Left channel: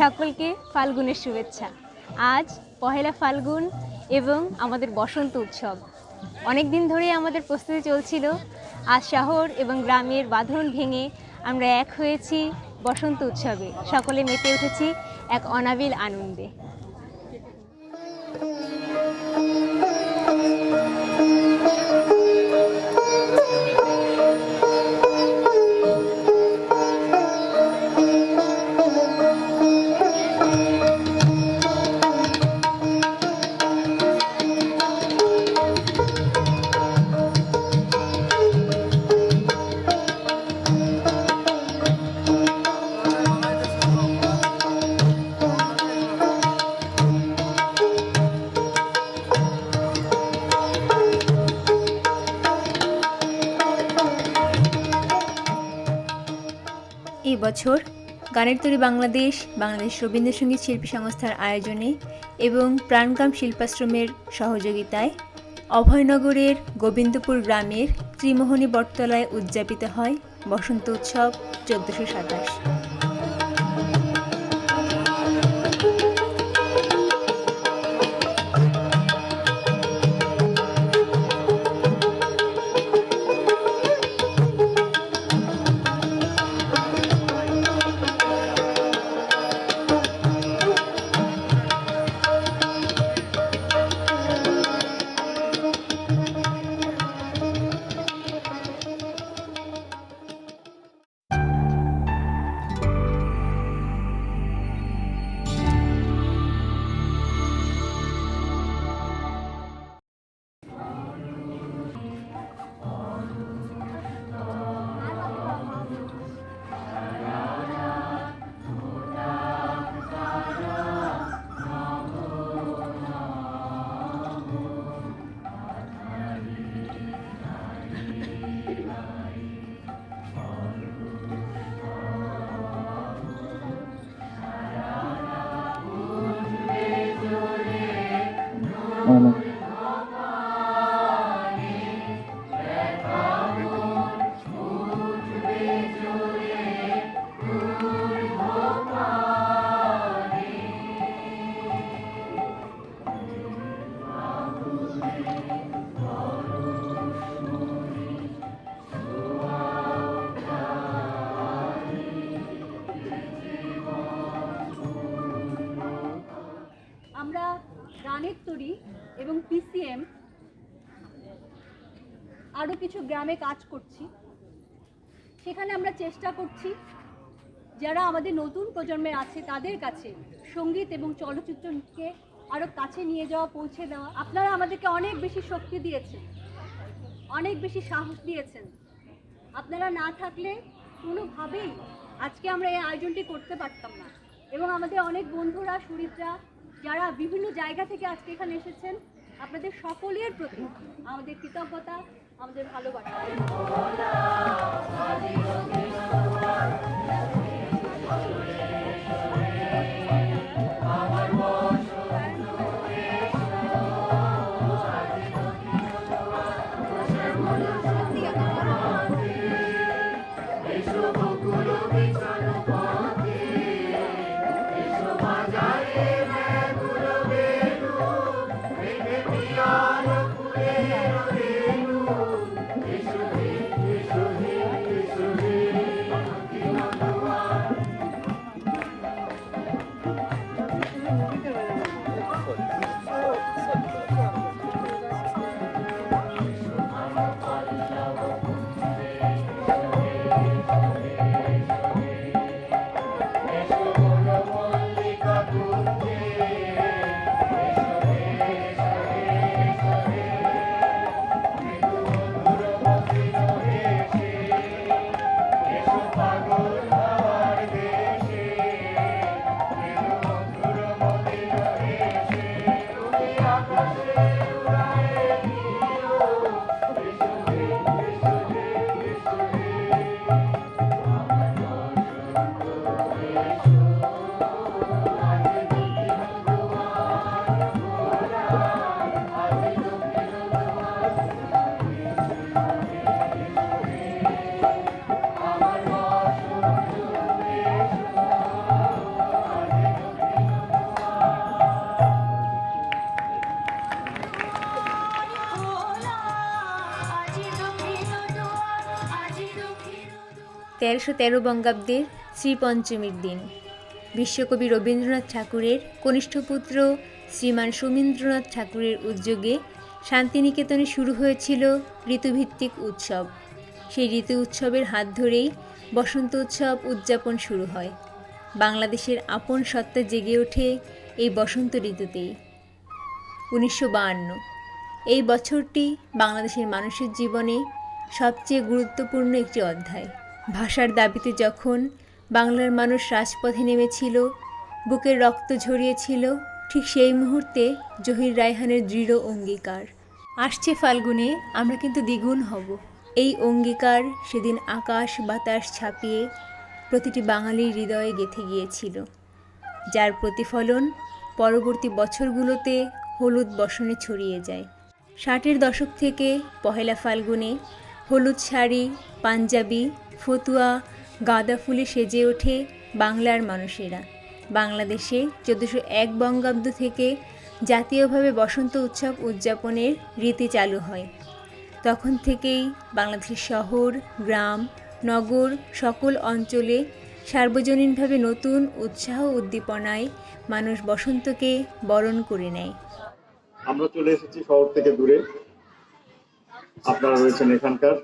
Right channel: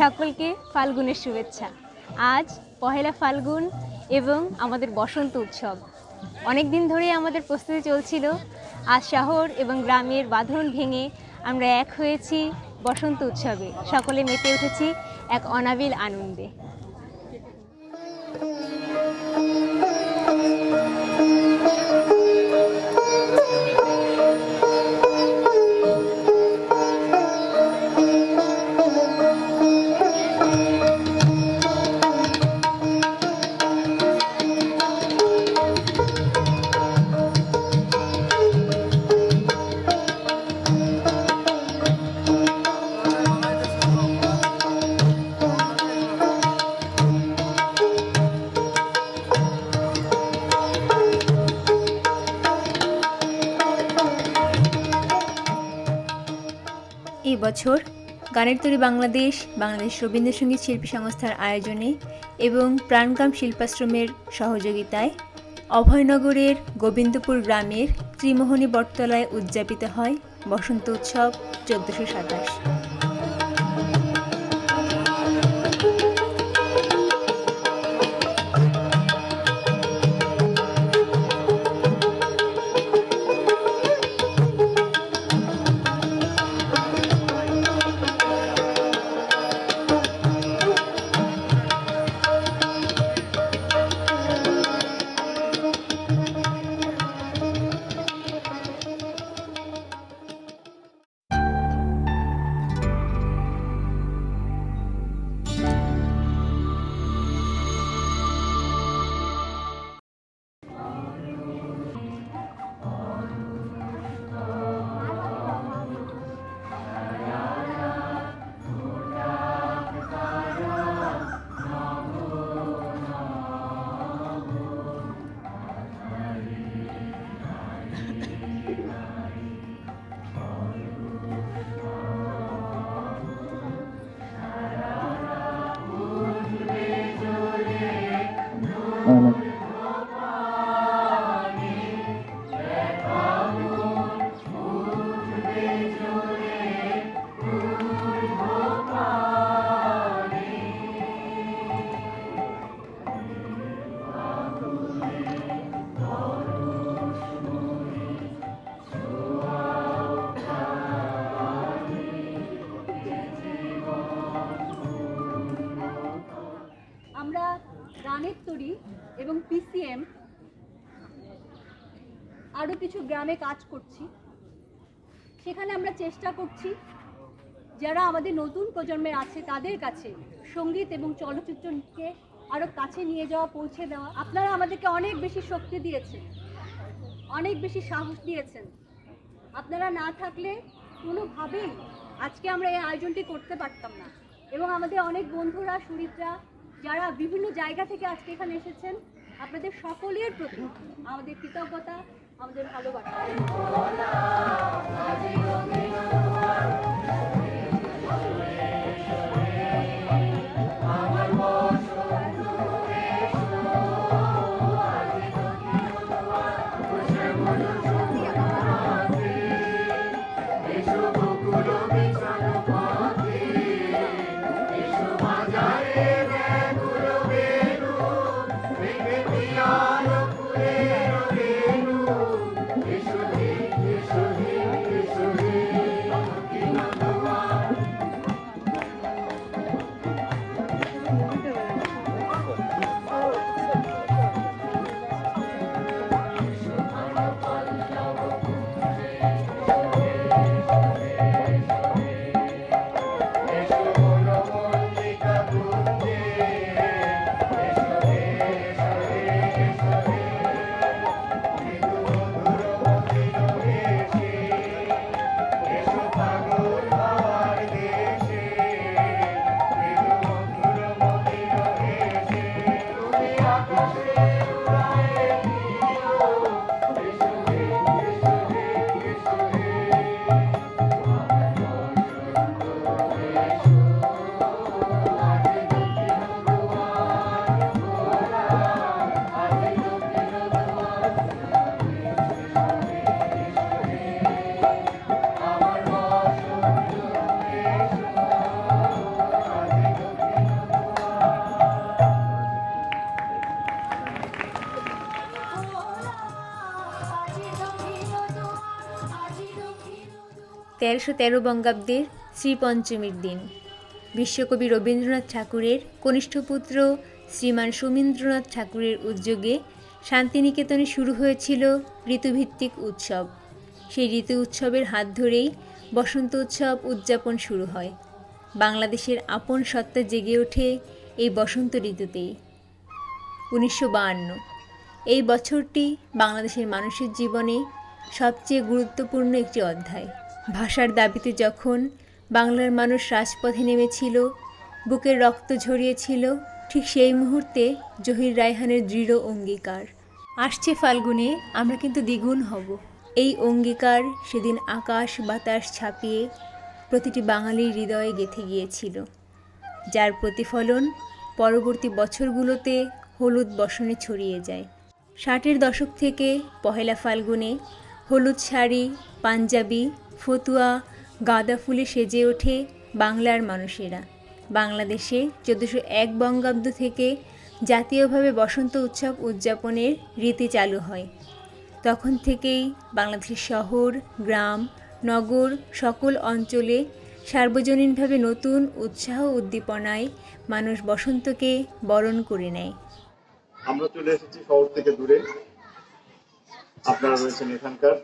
সকলকে ফাল্গুনের শুভেচ্ছা। আজ পহেলা ফাল্গুন এবং আমাদের বসন্ত উৎসব। অনেক দিন ধরেই আমাদের প্রস্তুতি চলছিল। আজ শহর এবং গ্রামের বাঁধন ভেঙে আমরা এক হয়েছি বসন্ত উৎসবে। সকলে মেতে উঠেছি এক অনাবিল আনন্দে। এই বছর গানের তরী বাংলাদেশ রবীন্দ্রসঙ্গীত শিল্পী সংস্থার আয়োজনে এবং প্রাণগ্রাম শিল্পাশ্রমের সহযোগিতায় অভয়নগরের গোবিন্দপুর গ্রামের ত্রিমোহনী বটতলায় উদযাপিত হয় বসন্ত উৎসব 1427। আমরা গানের তরী এবং পিসিএম আরও কিছু গ্রামে কাজ করছি। সেখানে আমরা চেষ্টা করছি যারা আমাদের নতুন প্রজন্মের আছে তাদের কাছে সঙ্গীত এবং চলচ্চিত্রকে আরও কাছে নিয়ে যাওয়া, পৌঁছে দেওয়া। আপনারা আমাদেরকে অনেক বেশি শক্তি দিয়েছেন, অনেক বেশি সাহস দিয়েছেন। আপনারা না থাকলে কোনোভাবেই আজকে আমরা এই আয়োজনটি করতে পারতাম না। এবং আমাদের অনেক বন্ধুরা, সুরিতরা যারা বিভিন্ন জায়গা থেকে আজকে এখানে এসেছেন, আপনাদের সকলের প্রতি আমাদের কৃতজ্ঞতা, আমাদের ভালোবাসা। 1313 বঙ্গাব্দের শ্রীপঞ্চমীর দিন বিশ্বকবি রবীন্দ্রনাথ ঠাকুরের কনিষ্ঠ পুত্র শ্রীমান সমীন্দ্রনাথ ঠাকুরের উদ্যোগে শান্তিনিকেতনে শুরু হয়েছিল ঋতুভিত্তিক উৎসব। সেই ঋতু উৎসবের হাত ধরেই বসন্ত উৎসব উদযাপন শুরু হয়। বাংলাদেশের আপন সত্তা জেগে ওঠে এই বসন্ত ঋতুতেই। 1952 এই বছরটি বাংলাদেশের মানুষের জীবনে সবচেয়ে গুরুত্বপূর্ণ একটি অধ্যায়। ভাষার দাবিতে যখন বাংলার মানুষ রাজপথে নেমেছিল, বুকের রক্ত ঝরিয়েছিল, ঠিক সেই মুহূর্তে জহির রায়হানের দৃঢ় অঙ্গীকার, আসছে ফাল্গুনে আমরা কিন্তু দ্বিগুণ হব। এই অঙ্গীকার সেদিন আকাশ বাতাস ছাপিয়ে প্রতিটি বাঙালির হৃদয়ে গেঁথে গিয়েছিল, যার প্রতিফলন পরবর্তী বছরগুলোতে হলুদ বসনে ছড়িয়ে যায়। 60-এর দশক থেকে পহেলা ফাল্গুনে হলুদ শাড়ি, পাঞ্জাবি, ফতুয়া, গাঁদা ফুলে সেজে ওঠে বাংলার মানুষেরা। বাংলাদেশে 1401 বঙ্গাব্দ থেকে জাতীয়ভাবে বসন্ত উৎসব উদযাপনের রীতি চালু হয়। তখন থেকেই বাংলাদেশের শহর, গ্রাম, নগর সকল অঞ্চলে সার্বজনীনভাবে নতুন উৎসাহ উদ্দীপনায় মানুষ বসন্তকে বরণ করে নেয়। আমরা চলে এসেছি শহর থেকে দূরে, আপনারা রয়েছেন এখানকার।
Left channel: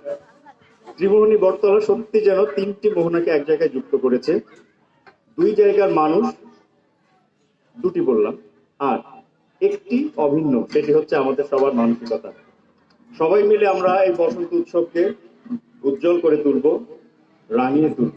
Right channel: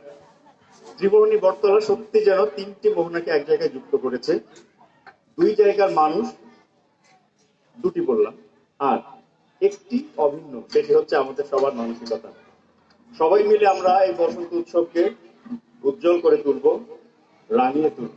ত্রিভুবনী বটতলা সত্যি যেন তিনটি মোহনাকে এক জায়গায় যুক্ত করেছে। দুই জায়গার মানুষ, দুটি বললাম, আর একটি অভিন্ন, সেটি হচ্ছে আমাদের সবার মানসিকতা। সবাই মিলে আমরা এই বসন্ত উৎসবকে উজ্জ্বল করে তুলব, রাঙিয়ে তুলব।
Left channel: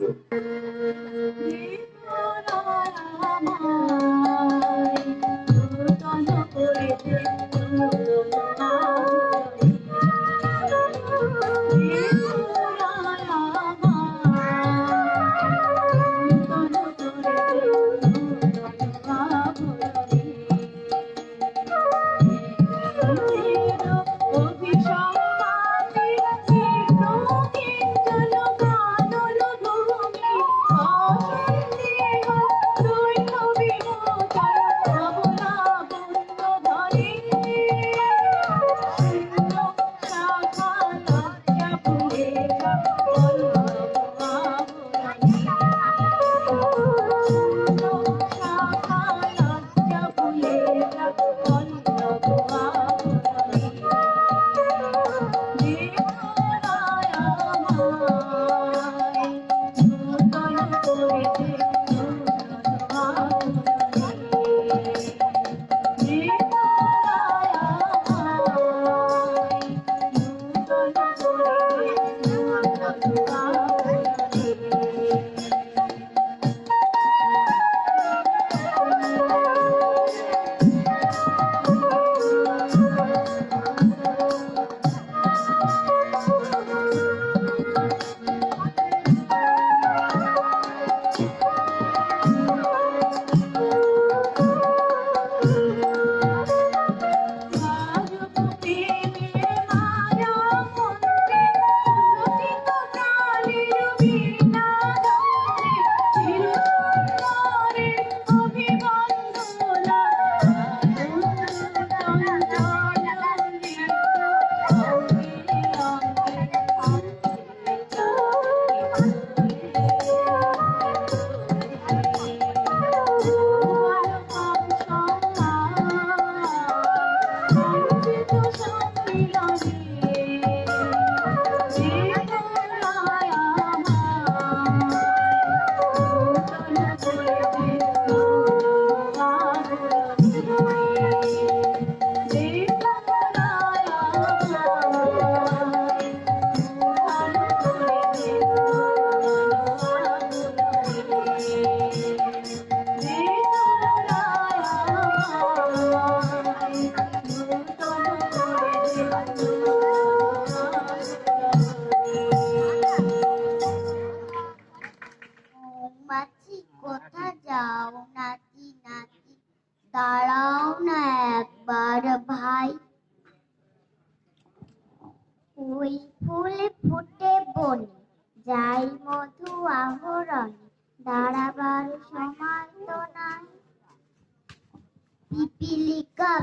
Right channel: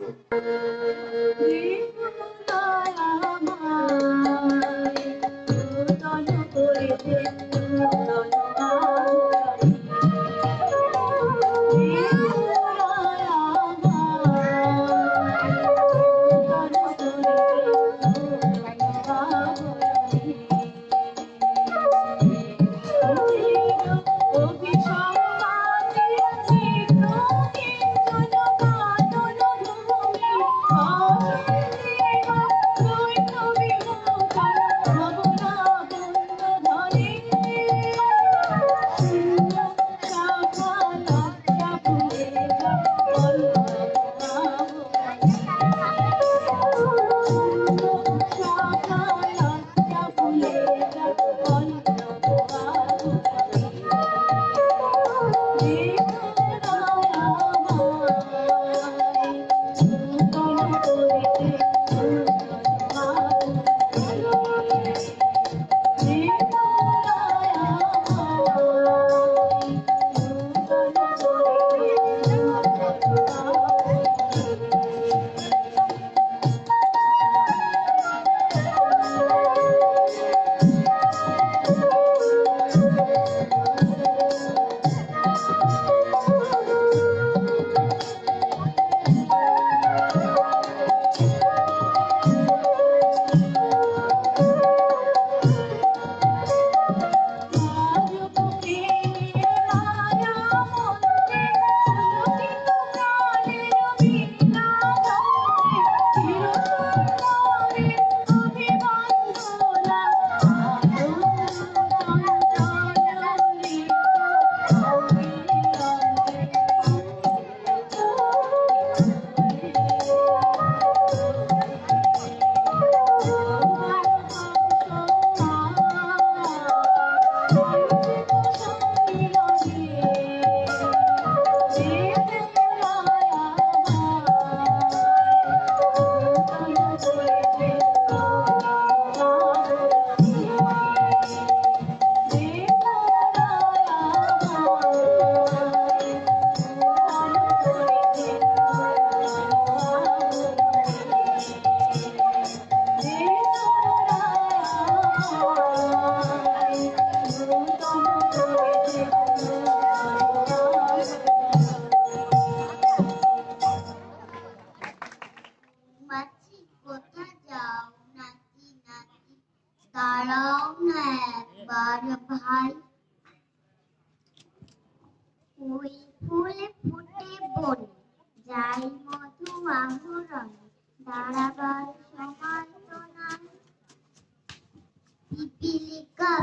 পিপিলিকা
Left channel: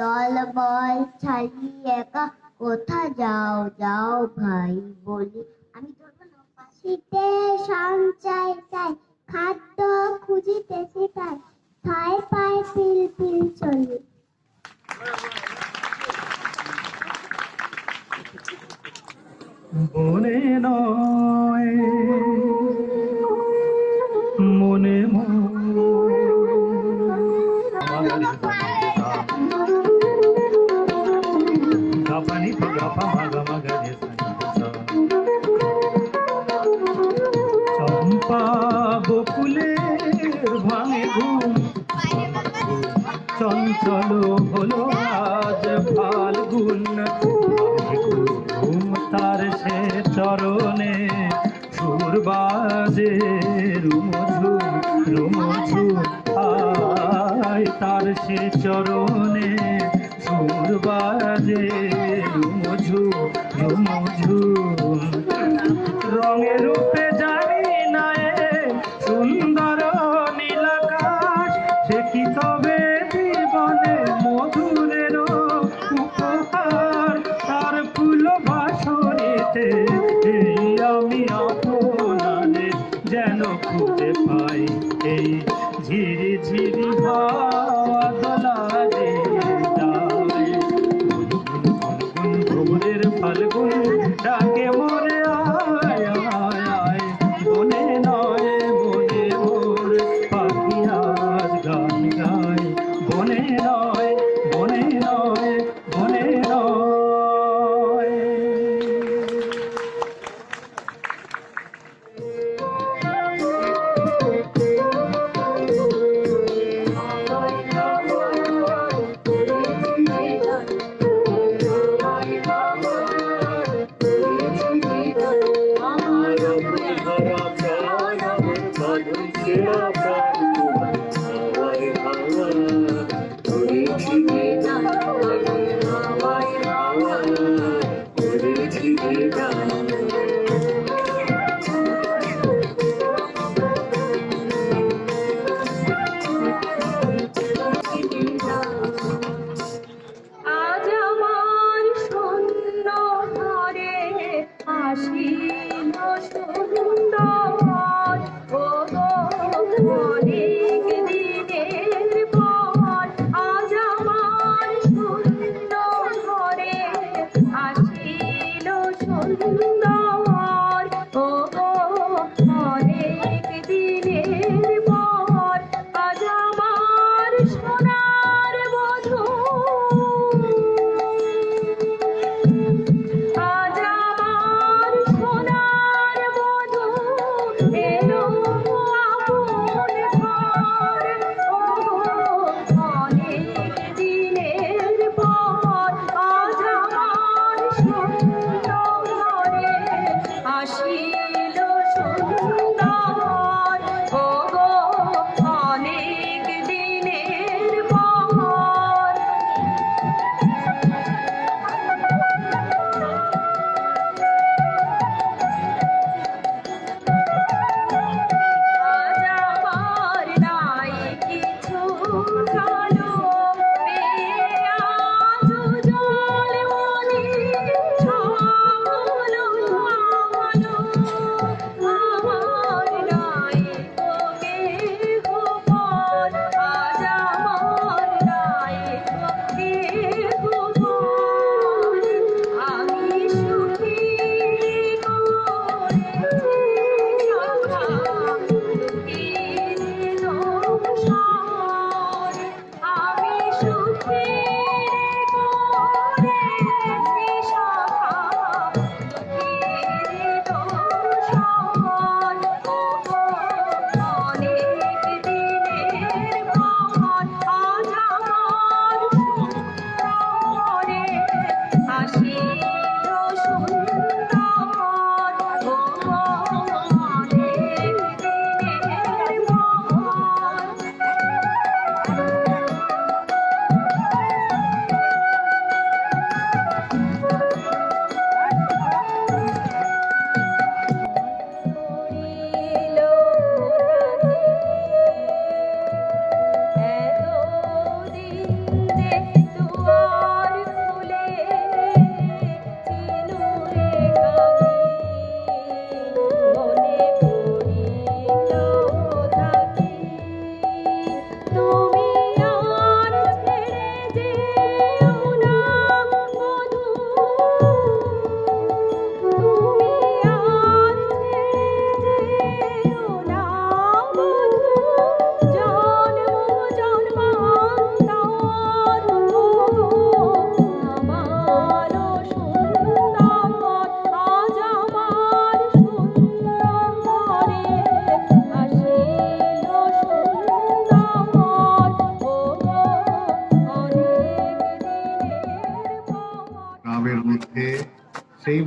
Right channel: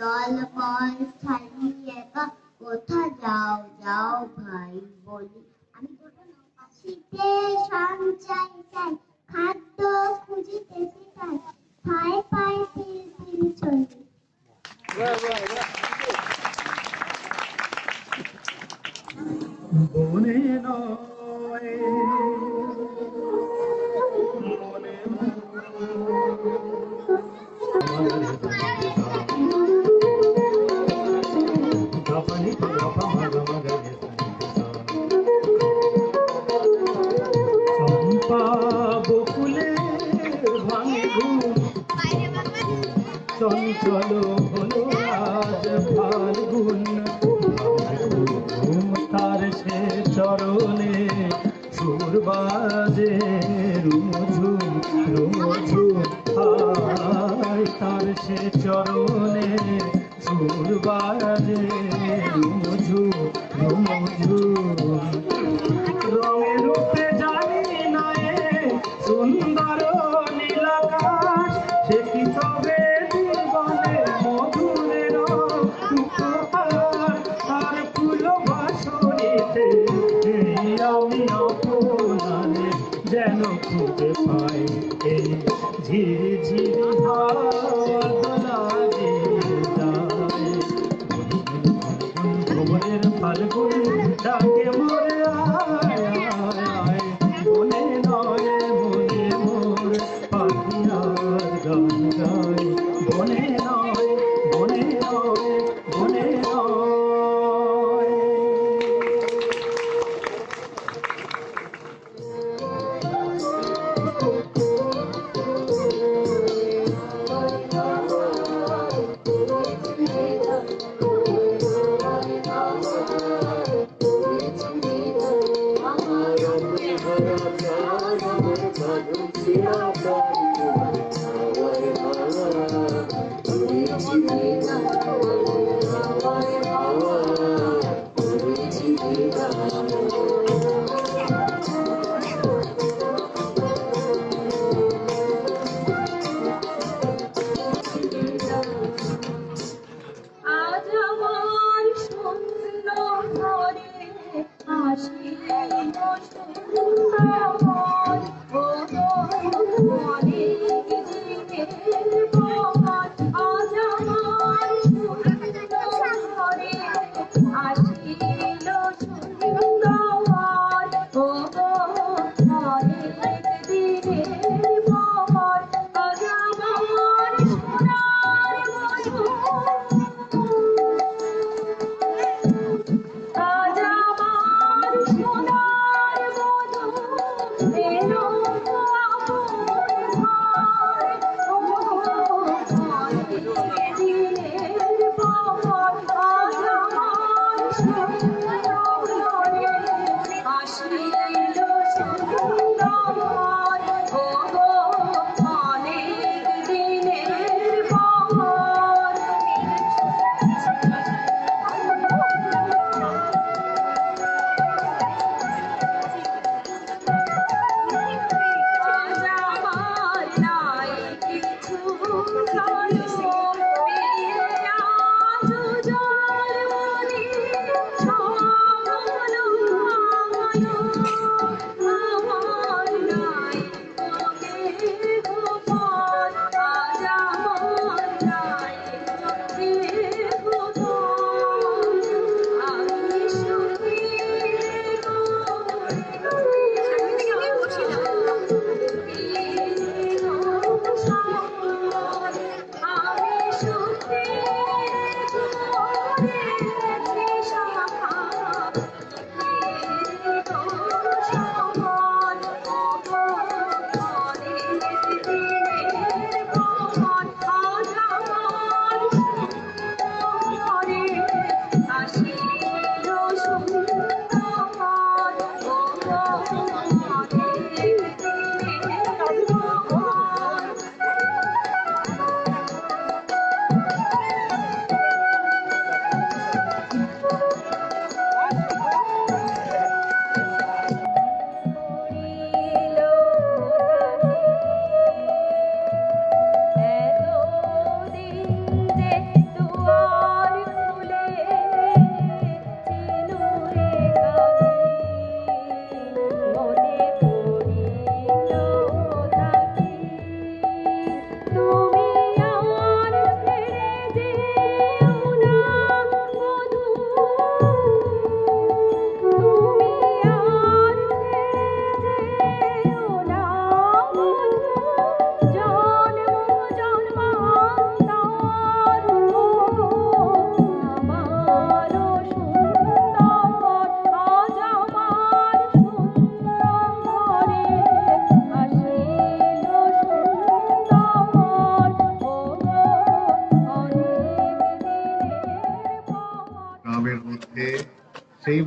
দল বল ছাড়িয়ে একা কোথা যাও যাও ভাই বলি। আমি চায়, খাদ্য খুঁজিতে শেখায়, ঠায় পায় পিল পিল চলে। বনে নয় মনে গাপানি গাপা মাগা মাগা চম্পা বকুলে ভাঙে ঘুম চঞ্চল হলো আজ ফাল্গুন ঘুম তার সে চরণে সুর বাজে রুমঝুম রুমঝুম আয় তার সে চরণে সুর বাজে রুমঝুম রুমঝুম রঙে রূপে জানি না এ সুন্দর নীলাকাশ সে কি তবে জীবনে মধুরের উপহার তার ফুল বাসরেতে এই আমি আপনারে যেন খুঁজে পাই এই ঝিরি ঝিরি বাদলা যে যায় ফাল্গুন ভোরের ফাল্গুন ডাকে মোরে আয় আয় আয় বনে নয় বনে মোর পাখি আজ গান গায় বনে নয় বনে নয় বনে নয়।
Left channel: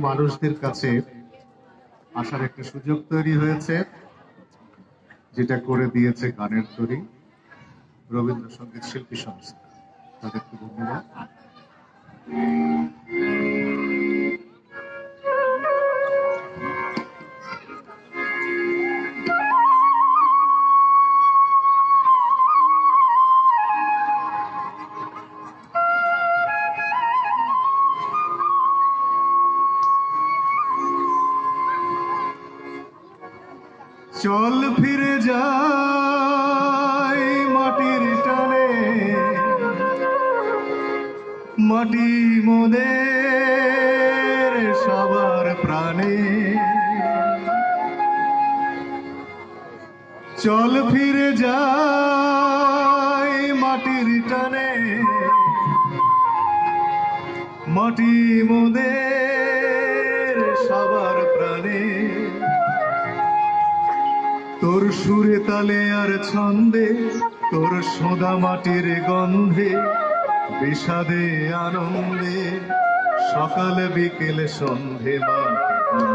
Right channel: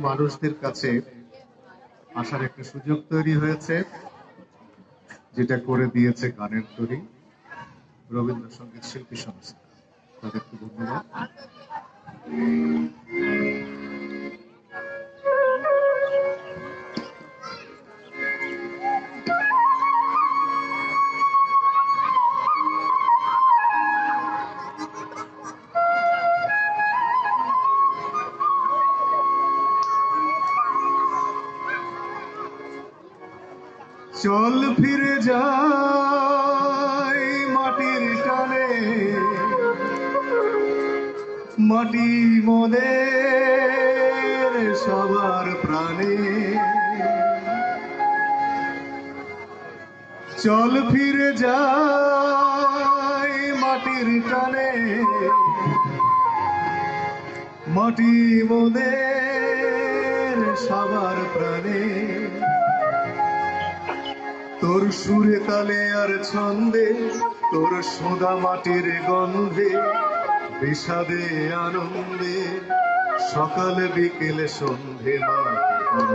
মানুষদের কাছে আসার একটা সুযোগ তৈরি হয়েছে, যেটা করে দিয়েছে গানের তৈরি রবীন্দ্রসঙ্গীত শিল্পী সংস্থা। তাদেরকে ধন্যবাদ। চল ফিরে যাই মাটির টানে, মাটি মোদের সবার প্রাণে। চল ফিরে যাই মাটির টানে, মাটি মোদের সবার প্রাণে। তোর সুরে তালে আর ছন্দে, তোর সোদা মাটির গন্ধে, বিষাদে আনন্দে, সকাল বিকেল সন্ধে মাটি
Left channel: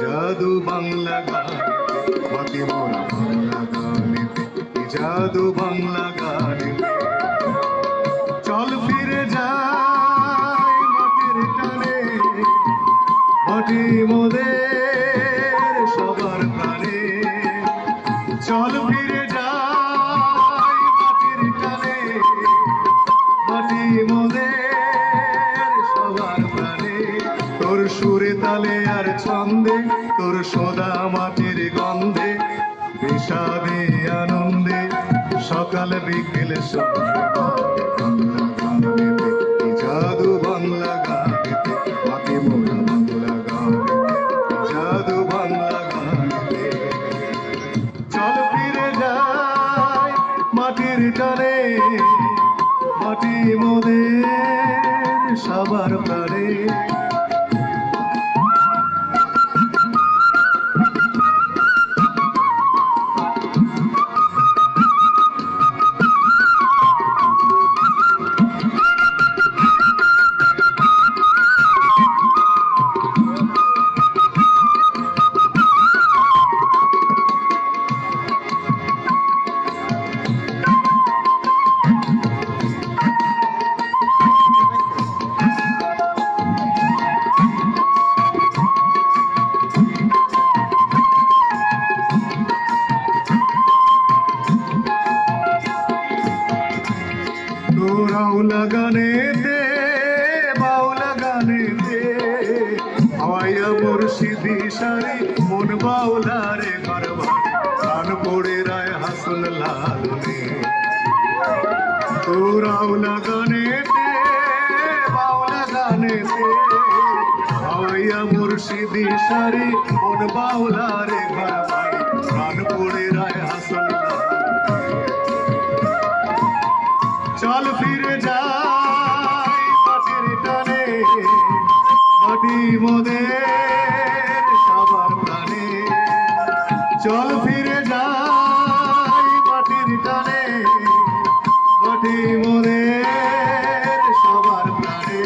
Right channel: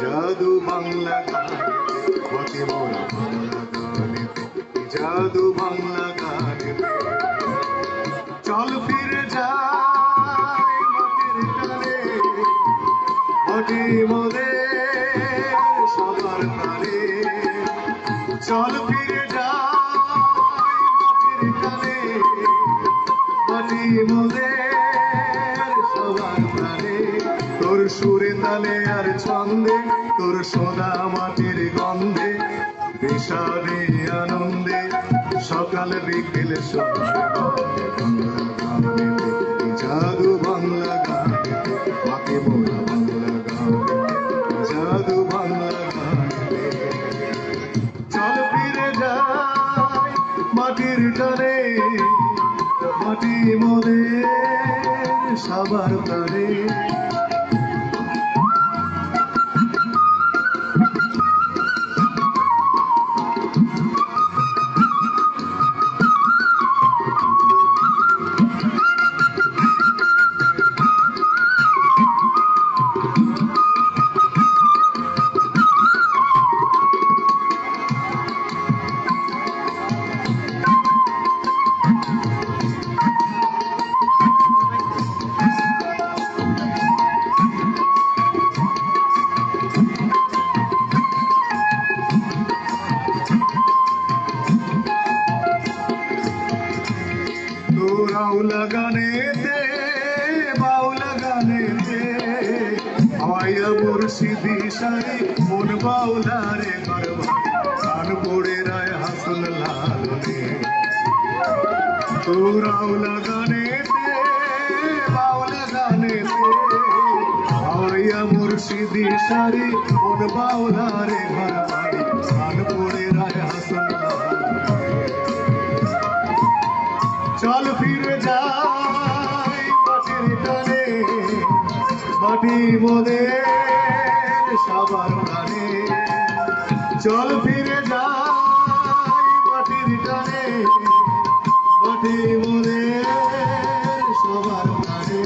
জাদু বাংলা গান, মাটি মোরা বাংলা গান, জাদু বাংলা গান। চল ফিরে যাই মাটির টানে, মাটি মোদের সবার প্রাণে। চল ফিরে যাই মাটির টানে, মাটি মোদের সবার প্রাণে। তোর সুরে তালে আর ছন্দে, তোর সোদা মাটির গন্ধে, বিষাদে আনন্দে, সকাল বিকেল জাদু বাংলা গান, মাটি মোরা বাংলা গান, জাদু বাংলা গান। চল ফিরে যাই মাটির টানে, মাটি মোদের সবার প্রাণে। বাউলা গানেতে, বাউলা গানেতে, হাওয়াইয়া মুর্শিদি সারি মন বাউলা রে বারবার, কান পড়ে রায় হাসল লালনি। বাউলা গানেতে, বাউলা গানেতে, হাওয়াইয়া মুর্শিদি সারি মন বাউলা রে বারবার, কান পড়ে রায় হাসল লালনি। চল ফিরে যাই মাটির টানে, মাটি মোদের সবার প্রাণে। চল ফিরে যাই মাটির টানে, মাটি মোদের সবার প্রাণে।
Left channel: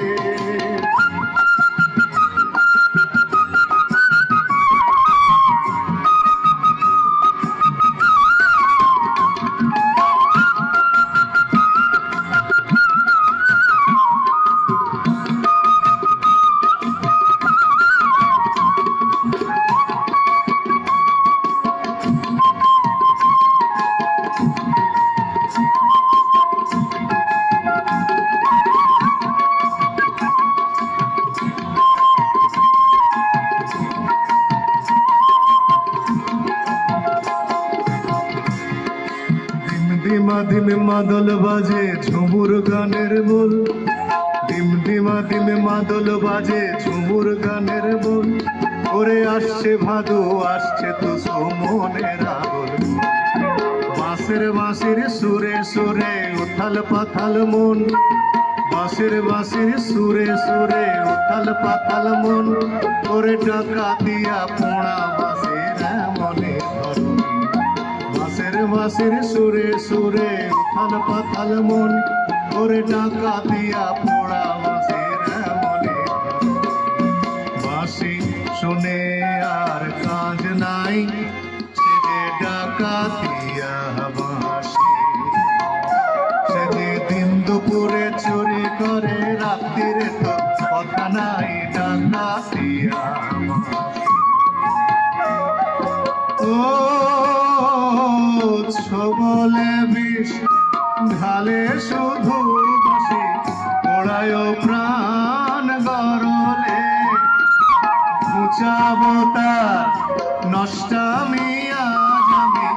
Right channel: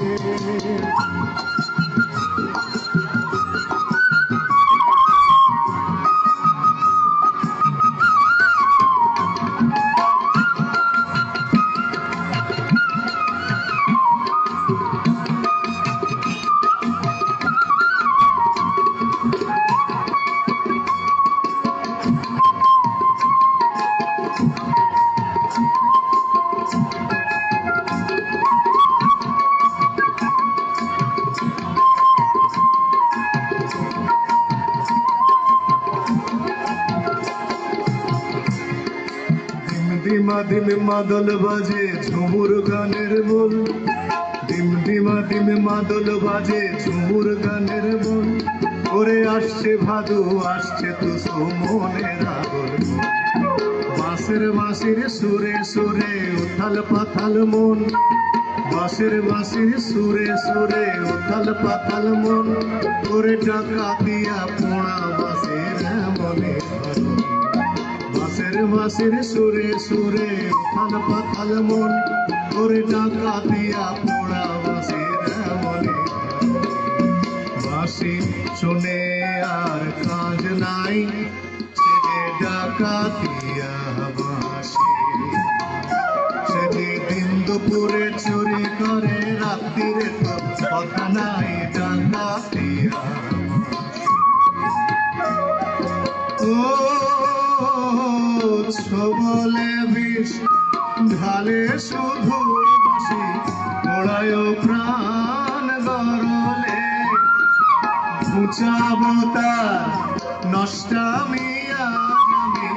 ডিমা ডিমে মাদল বাজে ঝুমুর গানের বল, ডিম ডিমা ডিমে মাদল বাজে ঝুমুর গানের বল। ওরে আসছে ভাদু, আসছে তো মনের আগল। বাঁশের বাঁশির সুরে সুরে উথাল পাথাল মন, বাঁশের বাঁশির সুরে সুরে উথাল পাথাল মন। ওরে টাকা দিয়া পোড়া বাঁশের মনে বাঁশের সুরে সুরে উথাল পাথাল মন। ওরে টাকা দিয়া পোড়া বাঁশের মনে। শোনে আর কাজ নাই, সে যে ডাকাতিয়া বাঁশি, সে যে দিন দুপুরে চুরি করে, রাত্রির তো কথা নাই, ডাকাতিয়া বাঁশি। ও ছবলে বিষ ঢালে শুধু বাসি, ওড়ায় প্রাণ গরলে, ঘুচাবো তার নষ্টামিয়া আমি,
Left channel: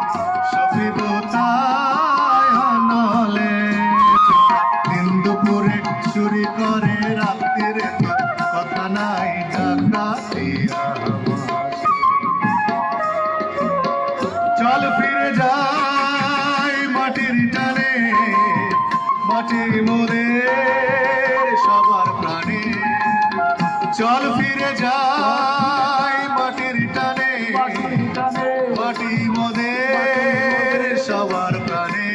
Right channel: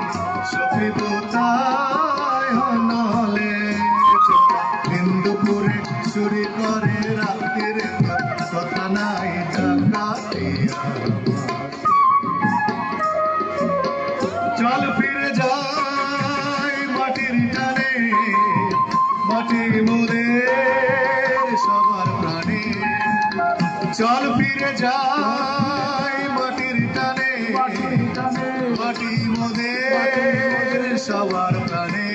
সফিব তাই নলে। হিন্দুপুরে চুরি করে, রাত্রিরে কথা নাই, ডাকাতিয়া বাঁশি। চল ফিরে যাই মাটির টানে, মাটির মোদের সবার প্রাণে। চল ফিরে যাই মাটির টানে, মাটি মোদের সবার প্রাণে।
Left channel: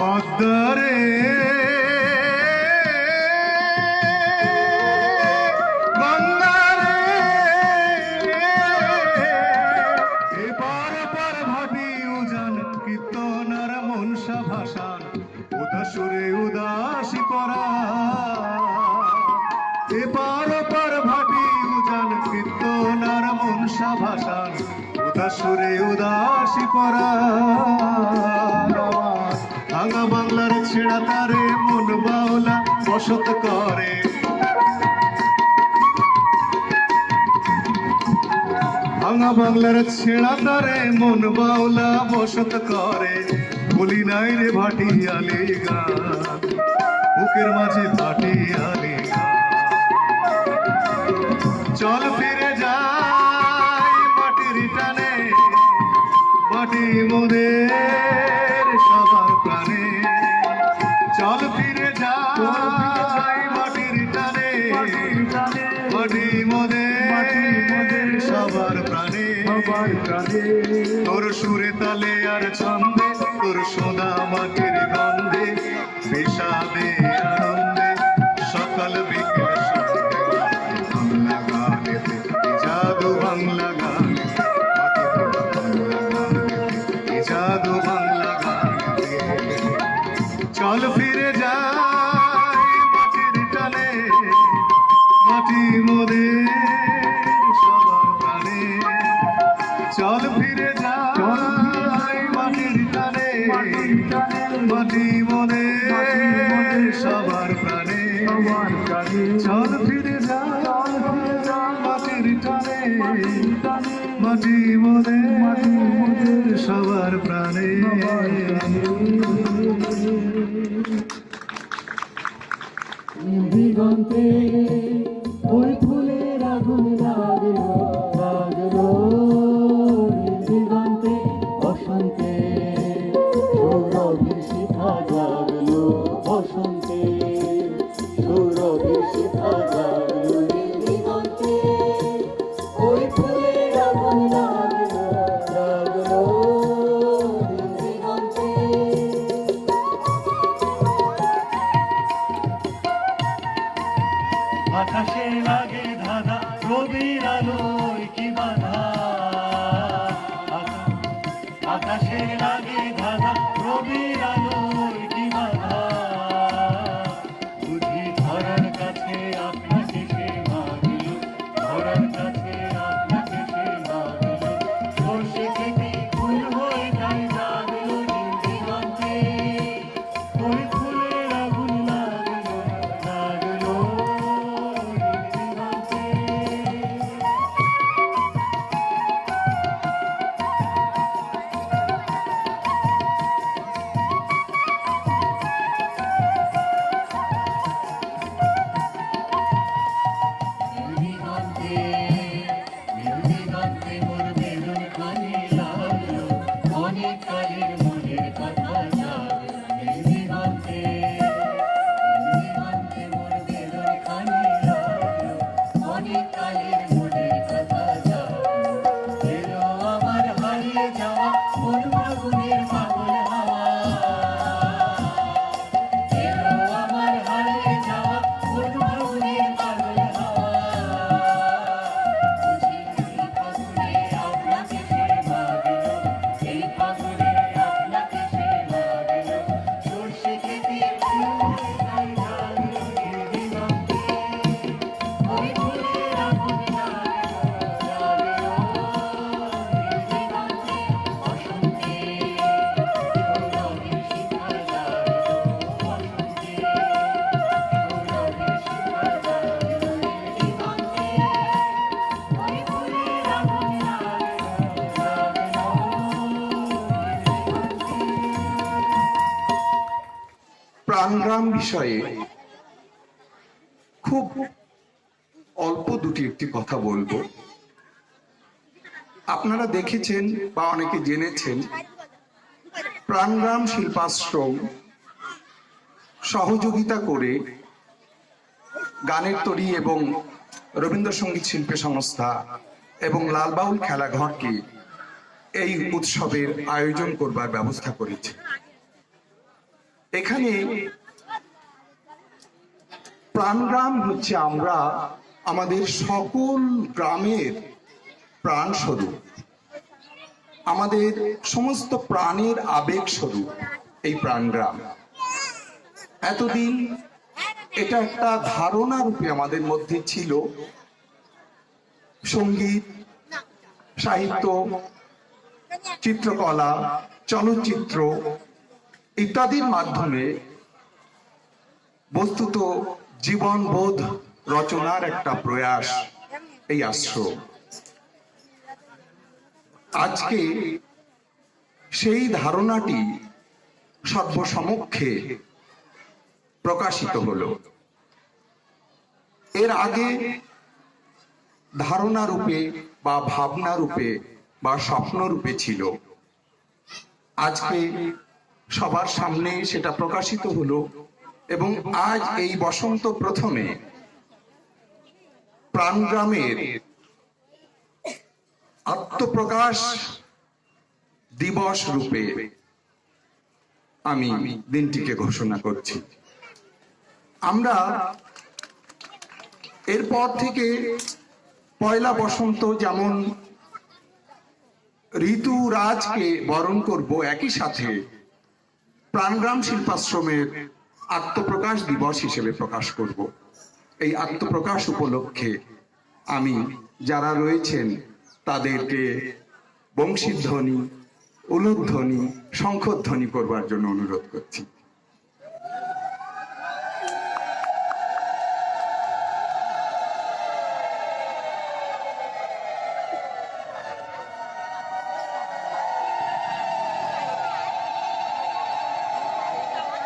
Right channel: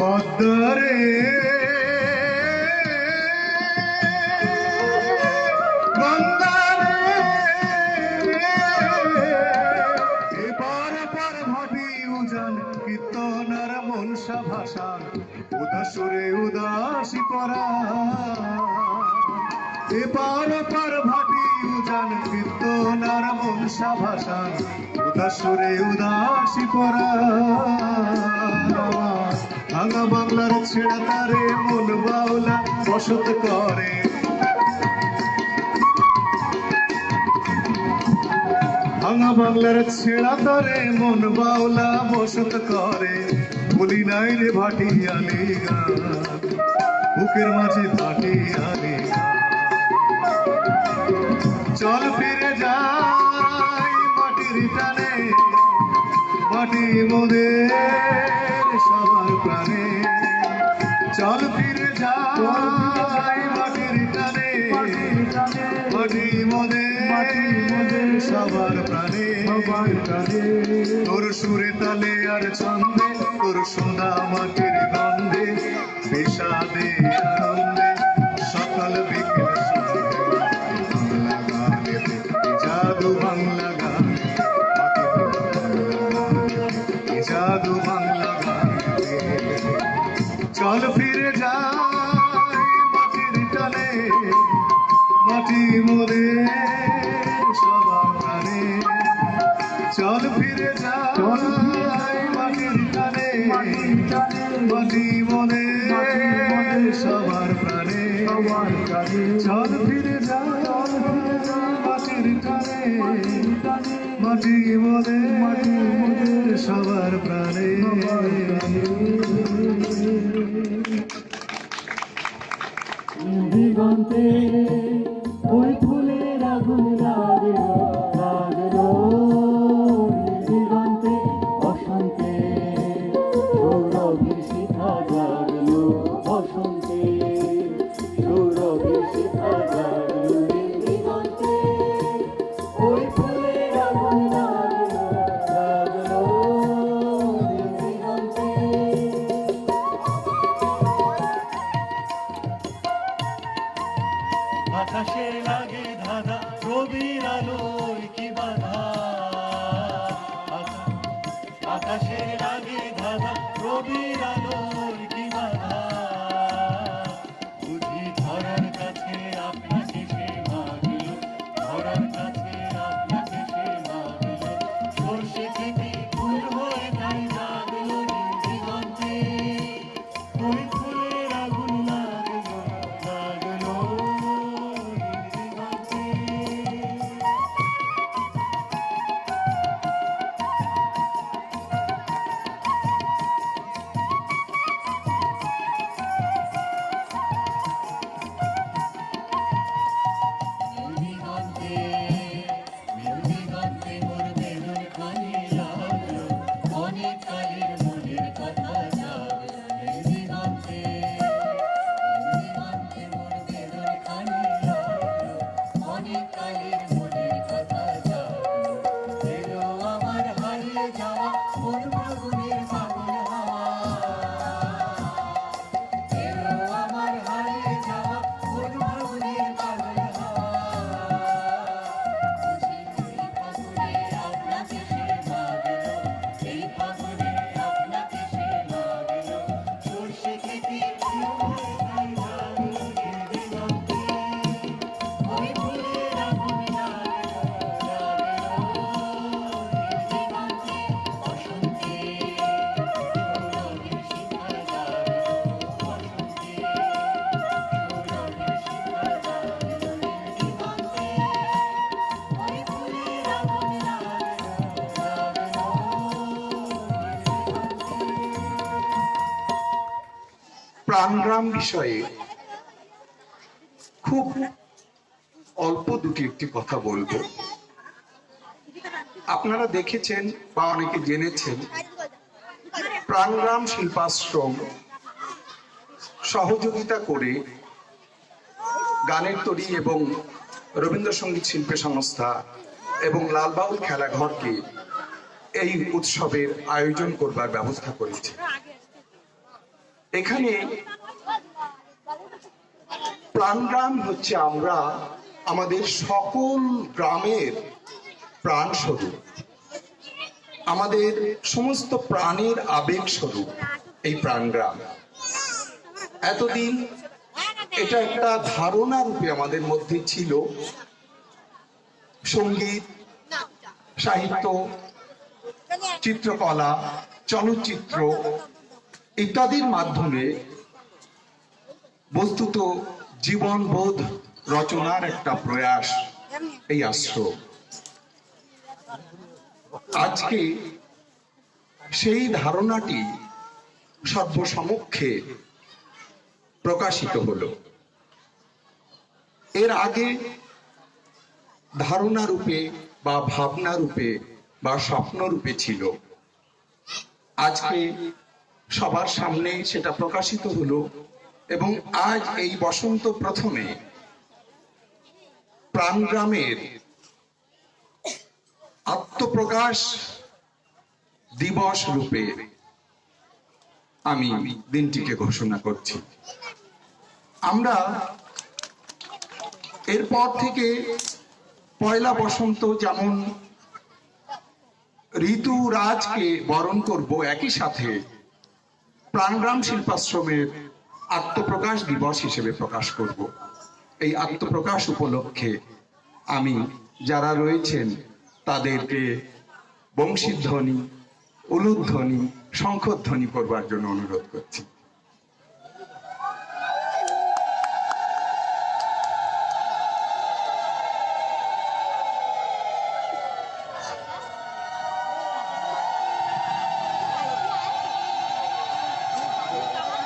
পদ্মরে গঙ্গারে, এপার ওপার ভাবি উজান, কীর্তনার মনসা ভাসান, উদাসুরে উদাসী পরা। এপার ওপার ভাবি উজান, কীর্তনার মনসা ভাসান, উদাসুরে উদাসী পরা। ভাঙা বাংলার ছেড়া তারে মন বাউলা বসত করে, ভাঙা বাংলার ছেড়া তারে মন বাউলা বসত করে। বলি নাই রে ভাটিয়ালি গান, বুকের মাঝে ভাটিয়ালি গান। চল ফিরে যাই মাটির টানে, মাটির মোদের সবার প্রাণে। চল ফিরে যাই মাটির টানে, মাটি মোদের সবার প্রাণে। তোর সুরে তালে আর ছন্দে, তোর সোনা মাটির গন্ধে, বিষাদে আনন্দে, সকাল বিকেল বাংলা গানে, জাদু বাংলা গানে, জাদু বাংলা গানে। চল ফিরে যাই মাটির টানে, মাটি মোদের সবার প্রাণে। চল ফিরে যাই মাটির টানে, মাটি মোদের সবার প্রাণে। চল ফিরে যাই মাটির টানে, মাটি মোদের সবার প্রাণে। দিগন্তে ওই ফুলের আগুন লাগলো, লাগলো দিগন্তে বসন্তে, সৌরভীর শিখা জাগলো বসন্তে, সৌরভীর শিখা জাগলো দিগন্তে। ওই ফুলের আগুন লাগলো, লাগলো দিগন্তে। আকাশে লাগে ধাঁধা, রবির আলোয় কি বাধা। আকাশে লাগে ধাঁধা, রবির আলোয় কি বাধা। বুঝি ধরার কাছে আপনাকে সে মাগল, ধরার কাছে আপনাকে সে মাগল। সর্ষে খেতে ফুল হয়ে যায় জাগলো দিগন্তে। ওই ফুলের আগুন লাগলো, লাগলো দিগন্তে। প্রাণগ্রাম বিষয়ে খুব অল্প দুটি একটি কথা বলবো। আপনারা দেখেছেন বা অনেকে জেনেছেন, প্রাণগ্রাম শিল্পাশ্রম সহযোগিতা করে গানের তরী এবং রবীন্দ্রসঙ্গীত শিল্পী সংস্থা এবং লালবাউল খেলাঘরকে এই উৎসবের আয়োজন করবার ব্যবস্থা করেছে। এখানে প্রাণগ্রাম হচ্ছে আমরা আমাদের সকল গ্রামের প্রাণ স্বরূপ, আমাদের সমস্ত প্রাণের আবেগ স্বরূপ এই প্রাণগ্রাম। এতদিন এটা একটা ধারণা রূপে আমাদের মধ্যে ছিল। সঙ্গীত, সাহিত্য, চিত্রকলা, চলচ্চিত্র ইত্যাদির মাধ্যমে বস্তুত জীবনবোধ রচনার একটা প্রয়াস এই আশ্রম। আজকে সেই ধারণাটি সর্বসমক্ষে প্রকাশিত হলো। এর আগে ধারণা রূপে বা ভাবনা রূপে বা স্বপ্ন রূপে ছিল। আজকে সবার সামনে সেটা প্রকাশিত হলো এবং আজ এই বসন্ত প্রথমে প্রাণগ্রামের আত্মপ্রকাশ দিবস রূপে আমি দিনটিকে ঘোষণা করছি। আমরা এরপর থেকে পয়লা বসন্ত যেমন ঋতুরাজকে বরণ করব, একই সাথে প্রাণগ্রাম শিল্পাশ্রমের আত্মপ্রকাশ দিবস হিসেবে প্রকাশ করব। এই আত্মপ্রকাশ উপলক্ষে আমি যারা রয়েছেন তাদেরকে বংশীধ্বনি, উলুধ্বনি, শঙ্খধ্বনি করবার জন্য অনুরোধ করছি।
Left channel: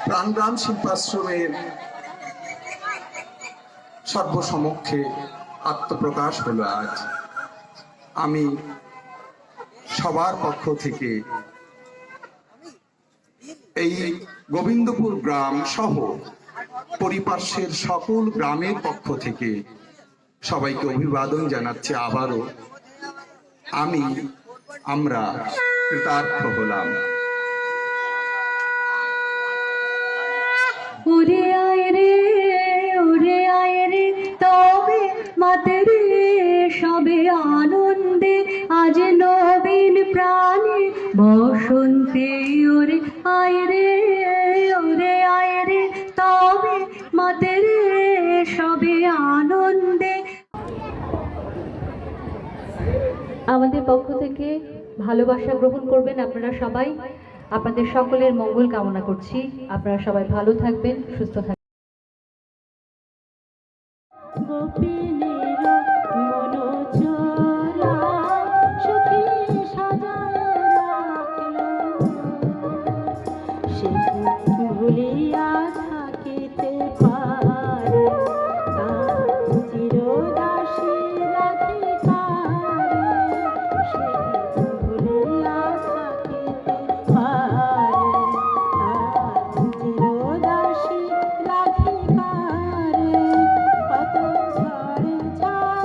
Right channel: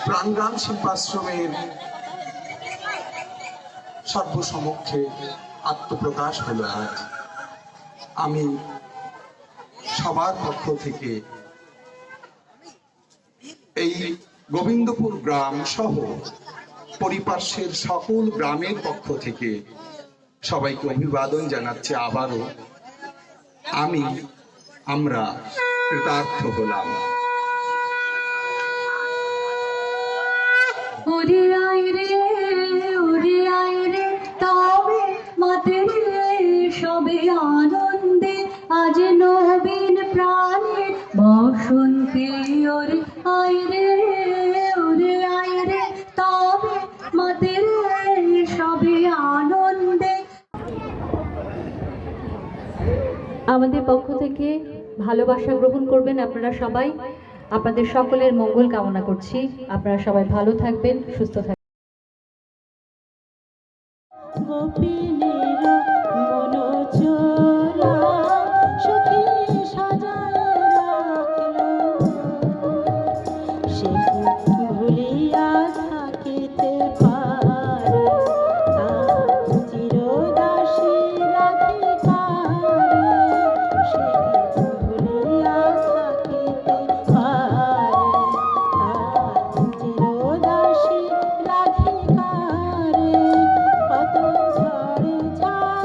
প্রাণগ্রাম শিল্পাশ্রমের সর্বসমক্ষে আত্মপ্রকাশ হলো আজ। আমি সবার পক্ষ থেকে এই গোবিন্দপুর গ্রাম সহ পরিপার্শ্বের সকল গ্রামের পক্ষ থেকে সবাইকে অভিবাদন জানাচ্ছি। আবারও আমরা কৃতার্থ হলাম। উড়ে আয় রে তবে মাতে রে সবে আনন্দে আজ নবীন প্রাণে বসন্তে ওরে আয় রে তবে মাতে রে সবে আনন্দে। আমাদের পক্ষ থেকে ভালোবাসা গ্রহণ করবেন আপনারা সবাই। আপনাদের সকলের মঙ্গল কামনা করছি। আপনারা সবাই ভালো থাকবেন, সুস্থ থাকবেন। কত ঝড়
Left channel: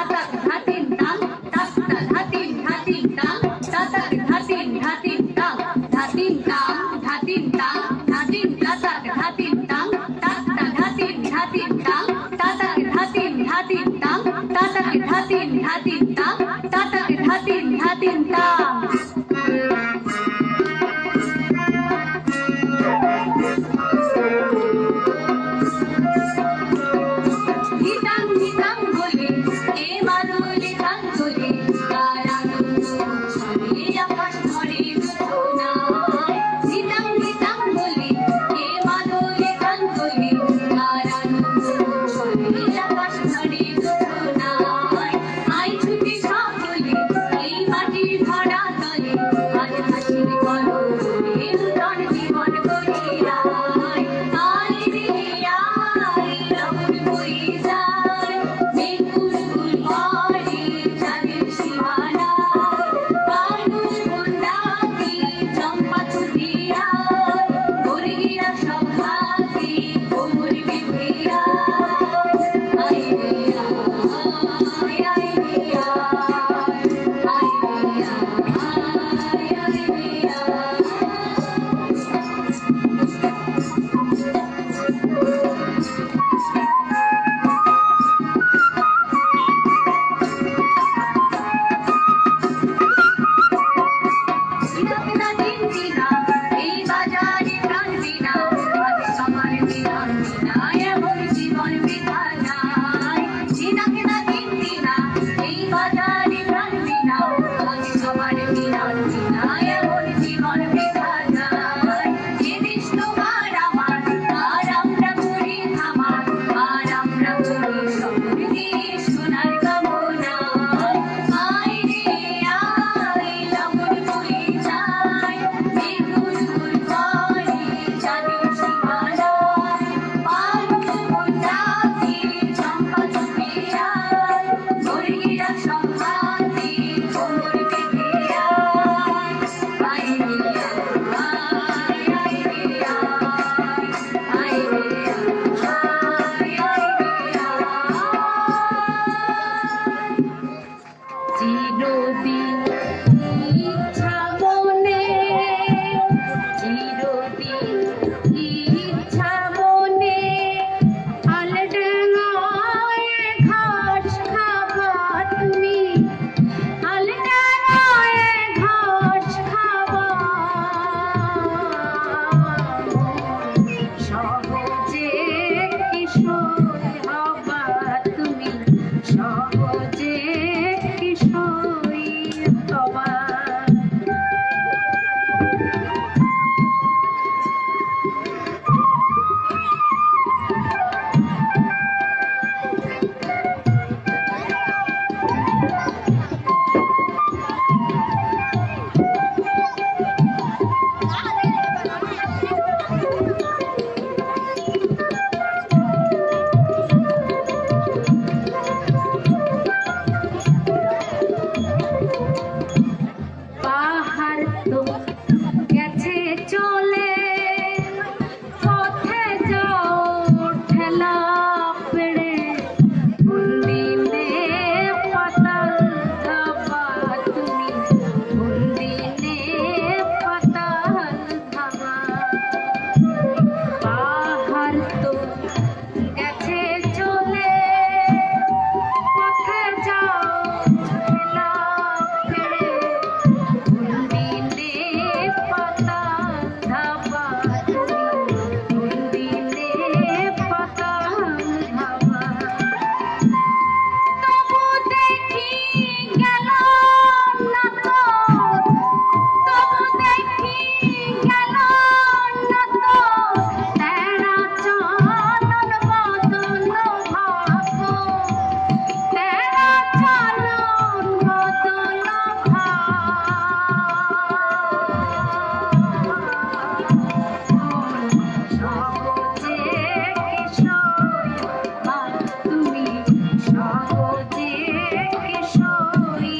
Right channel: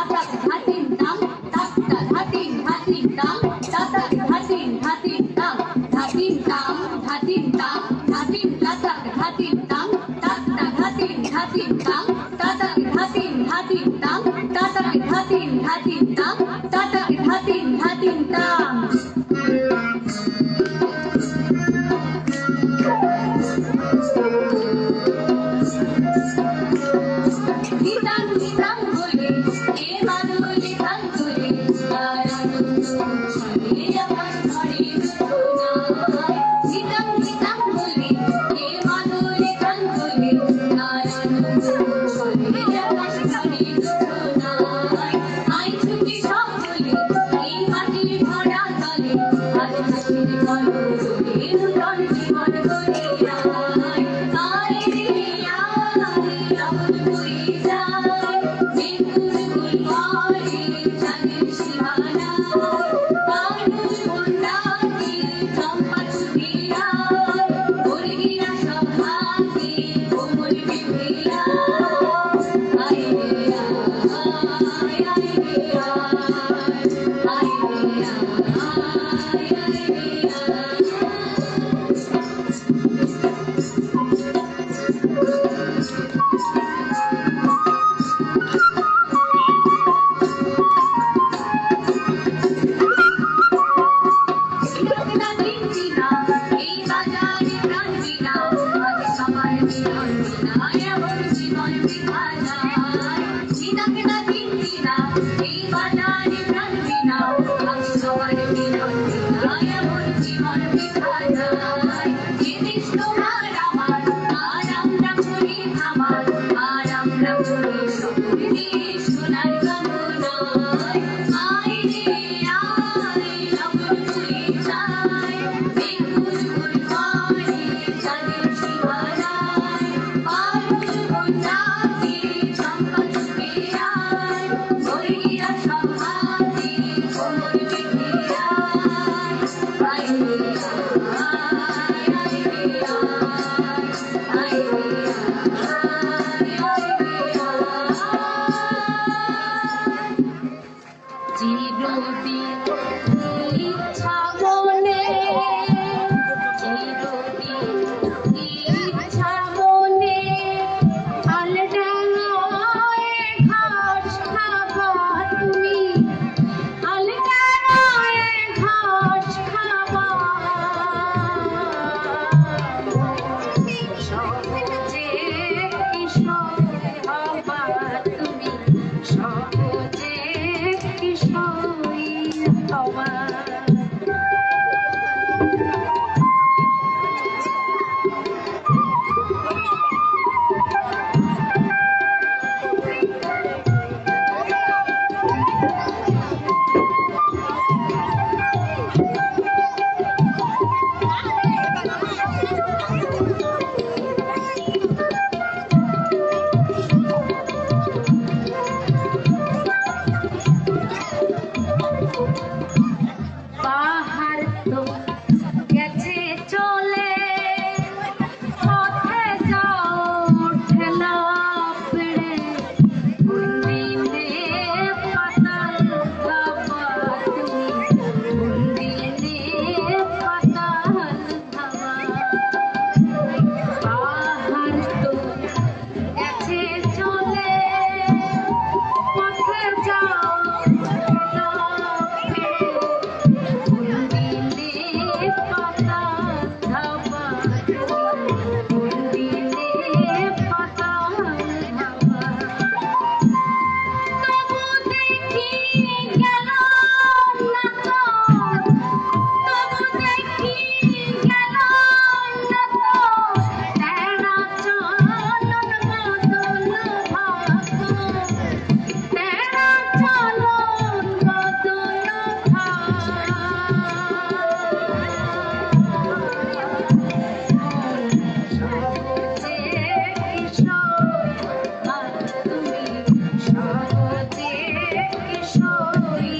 তাতাক ধাতিন তাং তাক্তা ধাতিন ধাতিন তাং তাতাক ধাতিন ধাতিন তাং ধাতিন তাং ধাতিন তাং ধাতিন তাতাক ধাতিন তাং তাক্তা ধাতিন ধাতিন তাং তাতাক ধাতিন ধাতিন তাং তাতাক ধাতিন ধাতিন তাং তাতাক ধাতিন ধাতিন তাং নিতাং নিতাং বলে এ মাদুলি গান বলে তার আনন্দ ছড়িয়ে আকাশ ধরে মুখনায় নিতাং নিতাং বলে এ মাদুলি গান বলে তার আনন্দ ছড়িয়ে আকাশ ধরে মুখনায় আই ছুটি সব বলে এই মাটির ধরা তলে আজ হাসির কলরে নূতন জীবন গড়িয়ে আয় আয় রে আয় রঙ বয়ে যায় মেঘুর গুল পরে চাঁদের সীমানায় পারুষ বন্যাতে চম্পা ছুটে আয় মুরগিরা সব হাতে কোমর বেঁধে আয় রে আয় আয় রে এই বাজারে কান্দিনা আজ সবার মিলন বিনায় এমন জীবন বিধানায় চিনাকেনা কিন্দিনা এই বাজারে কান্দিনা আজ সবার মিলন বিনায় এমন জীবন বিধানায় যে দেশ তোমার আমার আর আমরা করি থামা আর আমরা করি সকলকে সোনার কামনায় আয় রে আয় লগন বয়ে যায় মেঘুর গুল পরে চাঁদের সীমানায় পারুষ বন্যাতে চম্পা ছুটে আয় মুরগিরা সব হাতে কোমর বেঁধে আয় রে আয় আয় রে আয় রে চিরদিন ইচ্ছা মনে চিরদিন ইচ্ছা মনে আলডাঙায় ঘাস খাবা তুমি আলডাঙায় ঘাস খাবা সহজে কিশোর হবা তুমি সহজে কিশোরী হবা পাহাড় তো গেছে চলে পথে যাও ঠেলা পেড়ে কোন দিনে পাতাল ধাবা তুমি কোন দিনে পাতাল ধাবা পাহাড় তো গেছে চলে পথে যাও ঠেলা পেড়ে কোন দিনে পাতাল ধাবা কোন দিনে পাতাল ধাবা তবু দেখি গেল না তো তবু দেখি গেল না তো তেরা চলন বদল ভাগ্য তেরা চলন বদল সহজে কিশোরী তুমি সহজে কিশোরী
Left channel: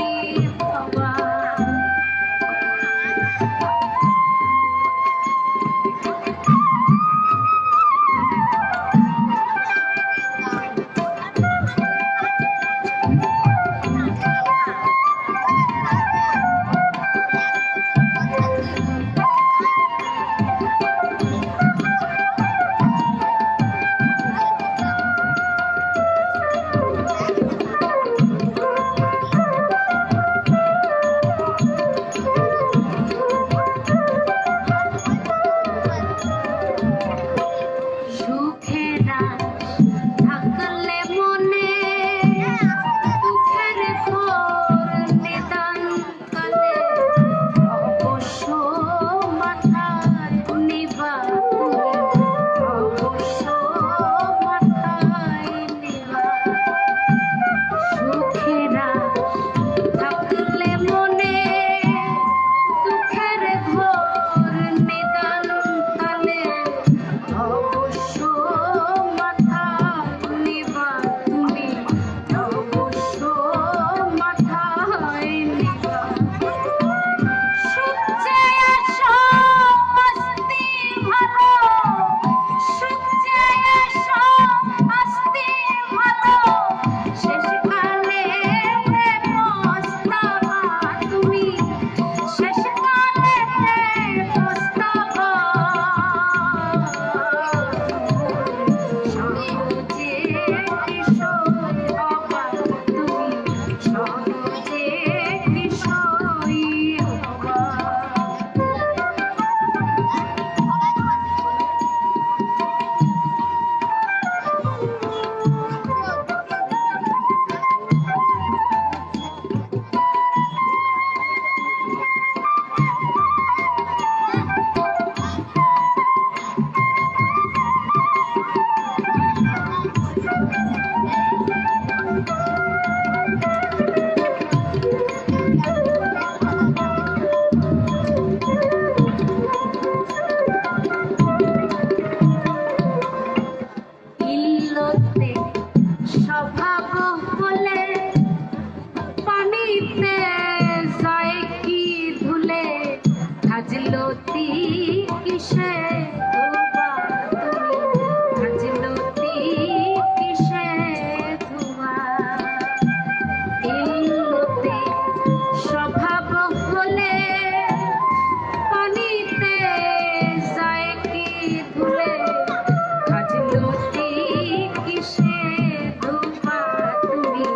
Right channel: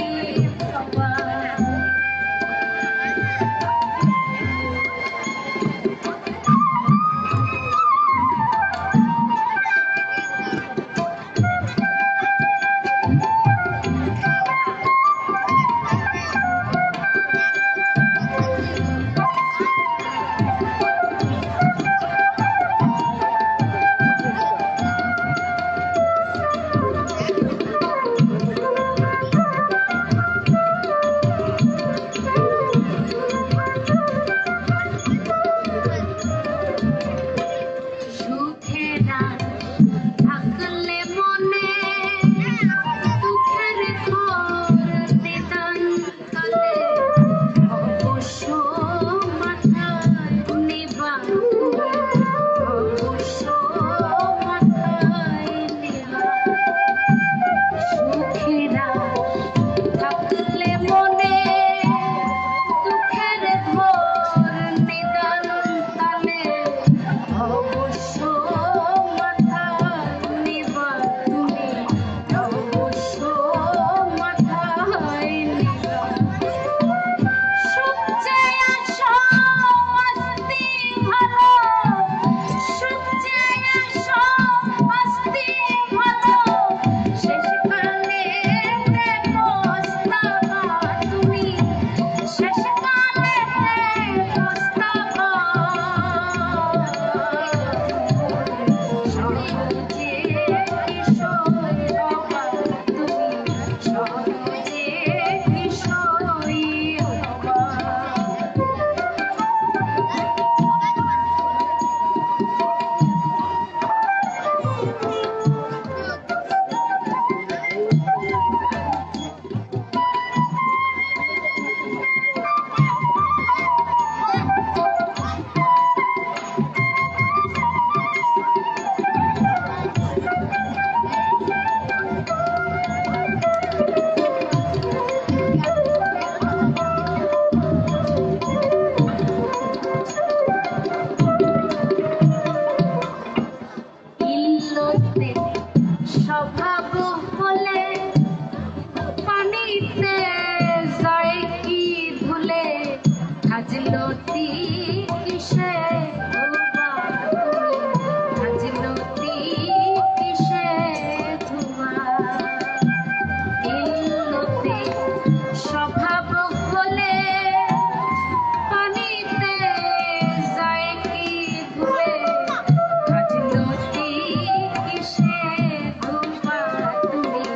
ইল্লতে স্বভাব হলে পানিতে যায় কি ধুলে হাজলতি কিসে ধোবা হাজলতি কিসে ধোবা ইল্লতে স্বভাব হলে পানিতে যায় কি ধুলে হাজলতি কিসে ধোবা তুমি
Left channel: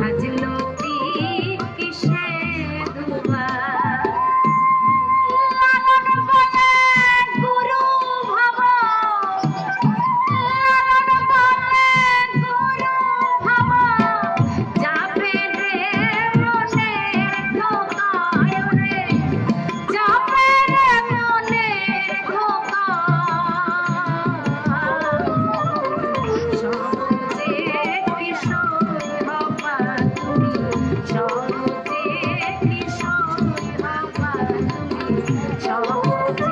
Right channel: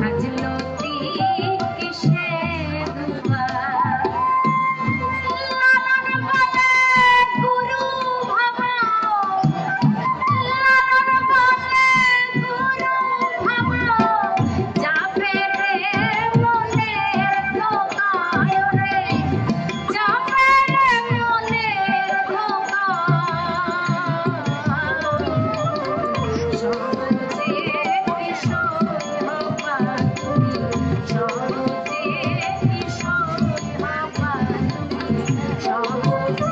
হাজলতি কিসে ধোবা গুরু ভাবা গুরু ভাবা যাবে রে মনে ধোকায় রে যাবে রে মনে সহজে কিশোর বাবা তুমি সহজে কিশোর বাবা তুমি সহজে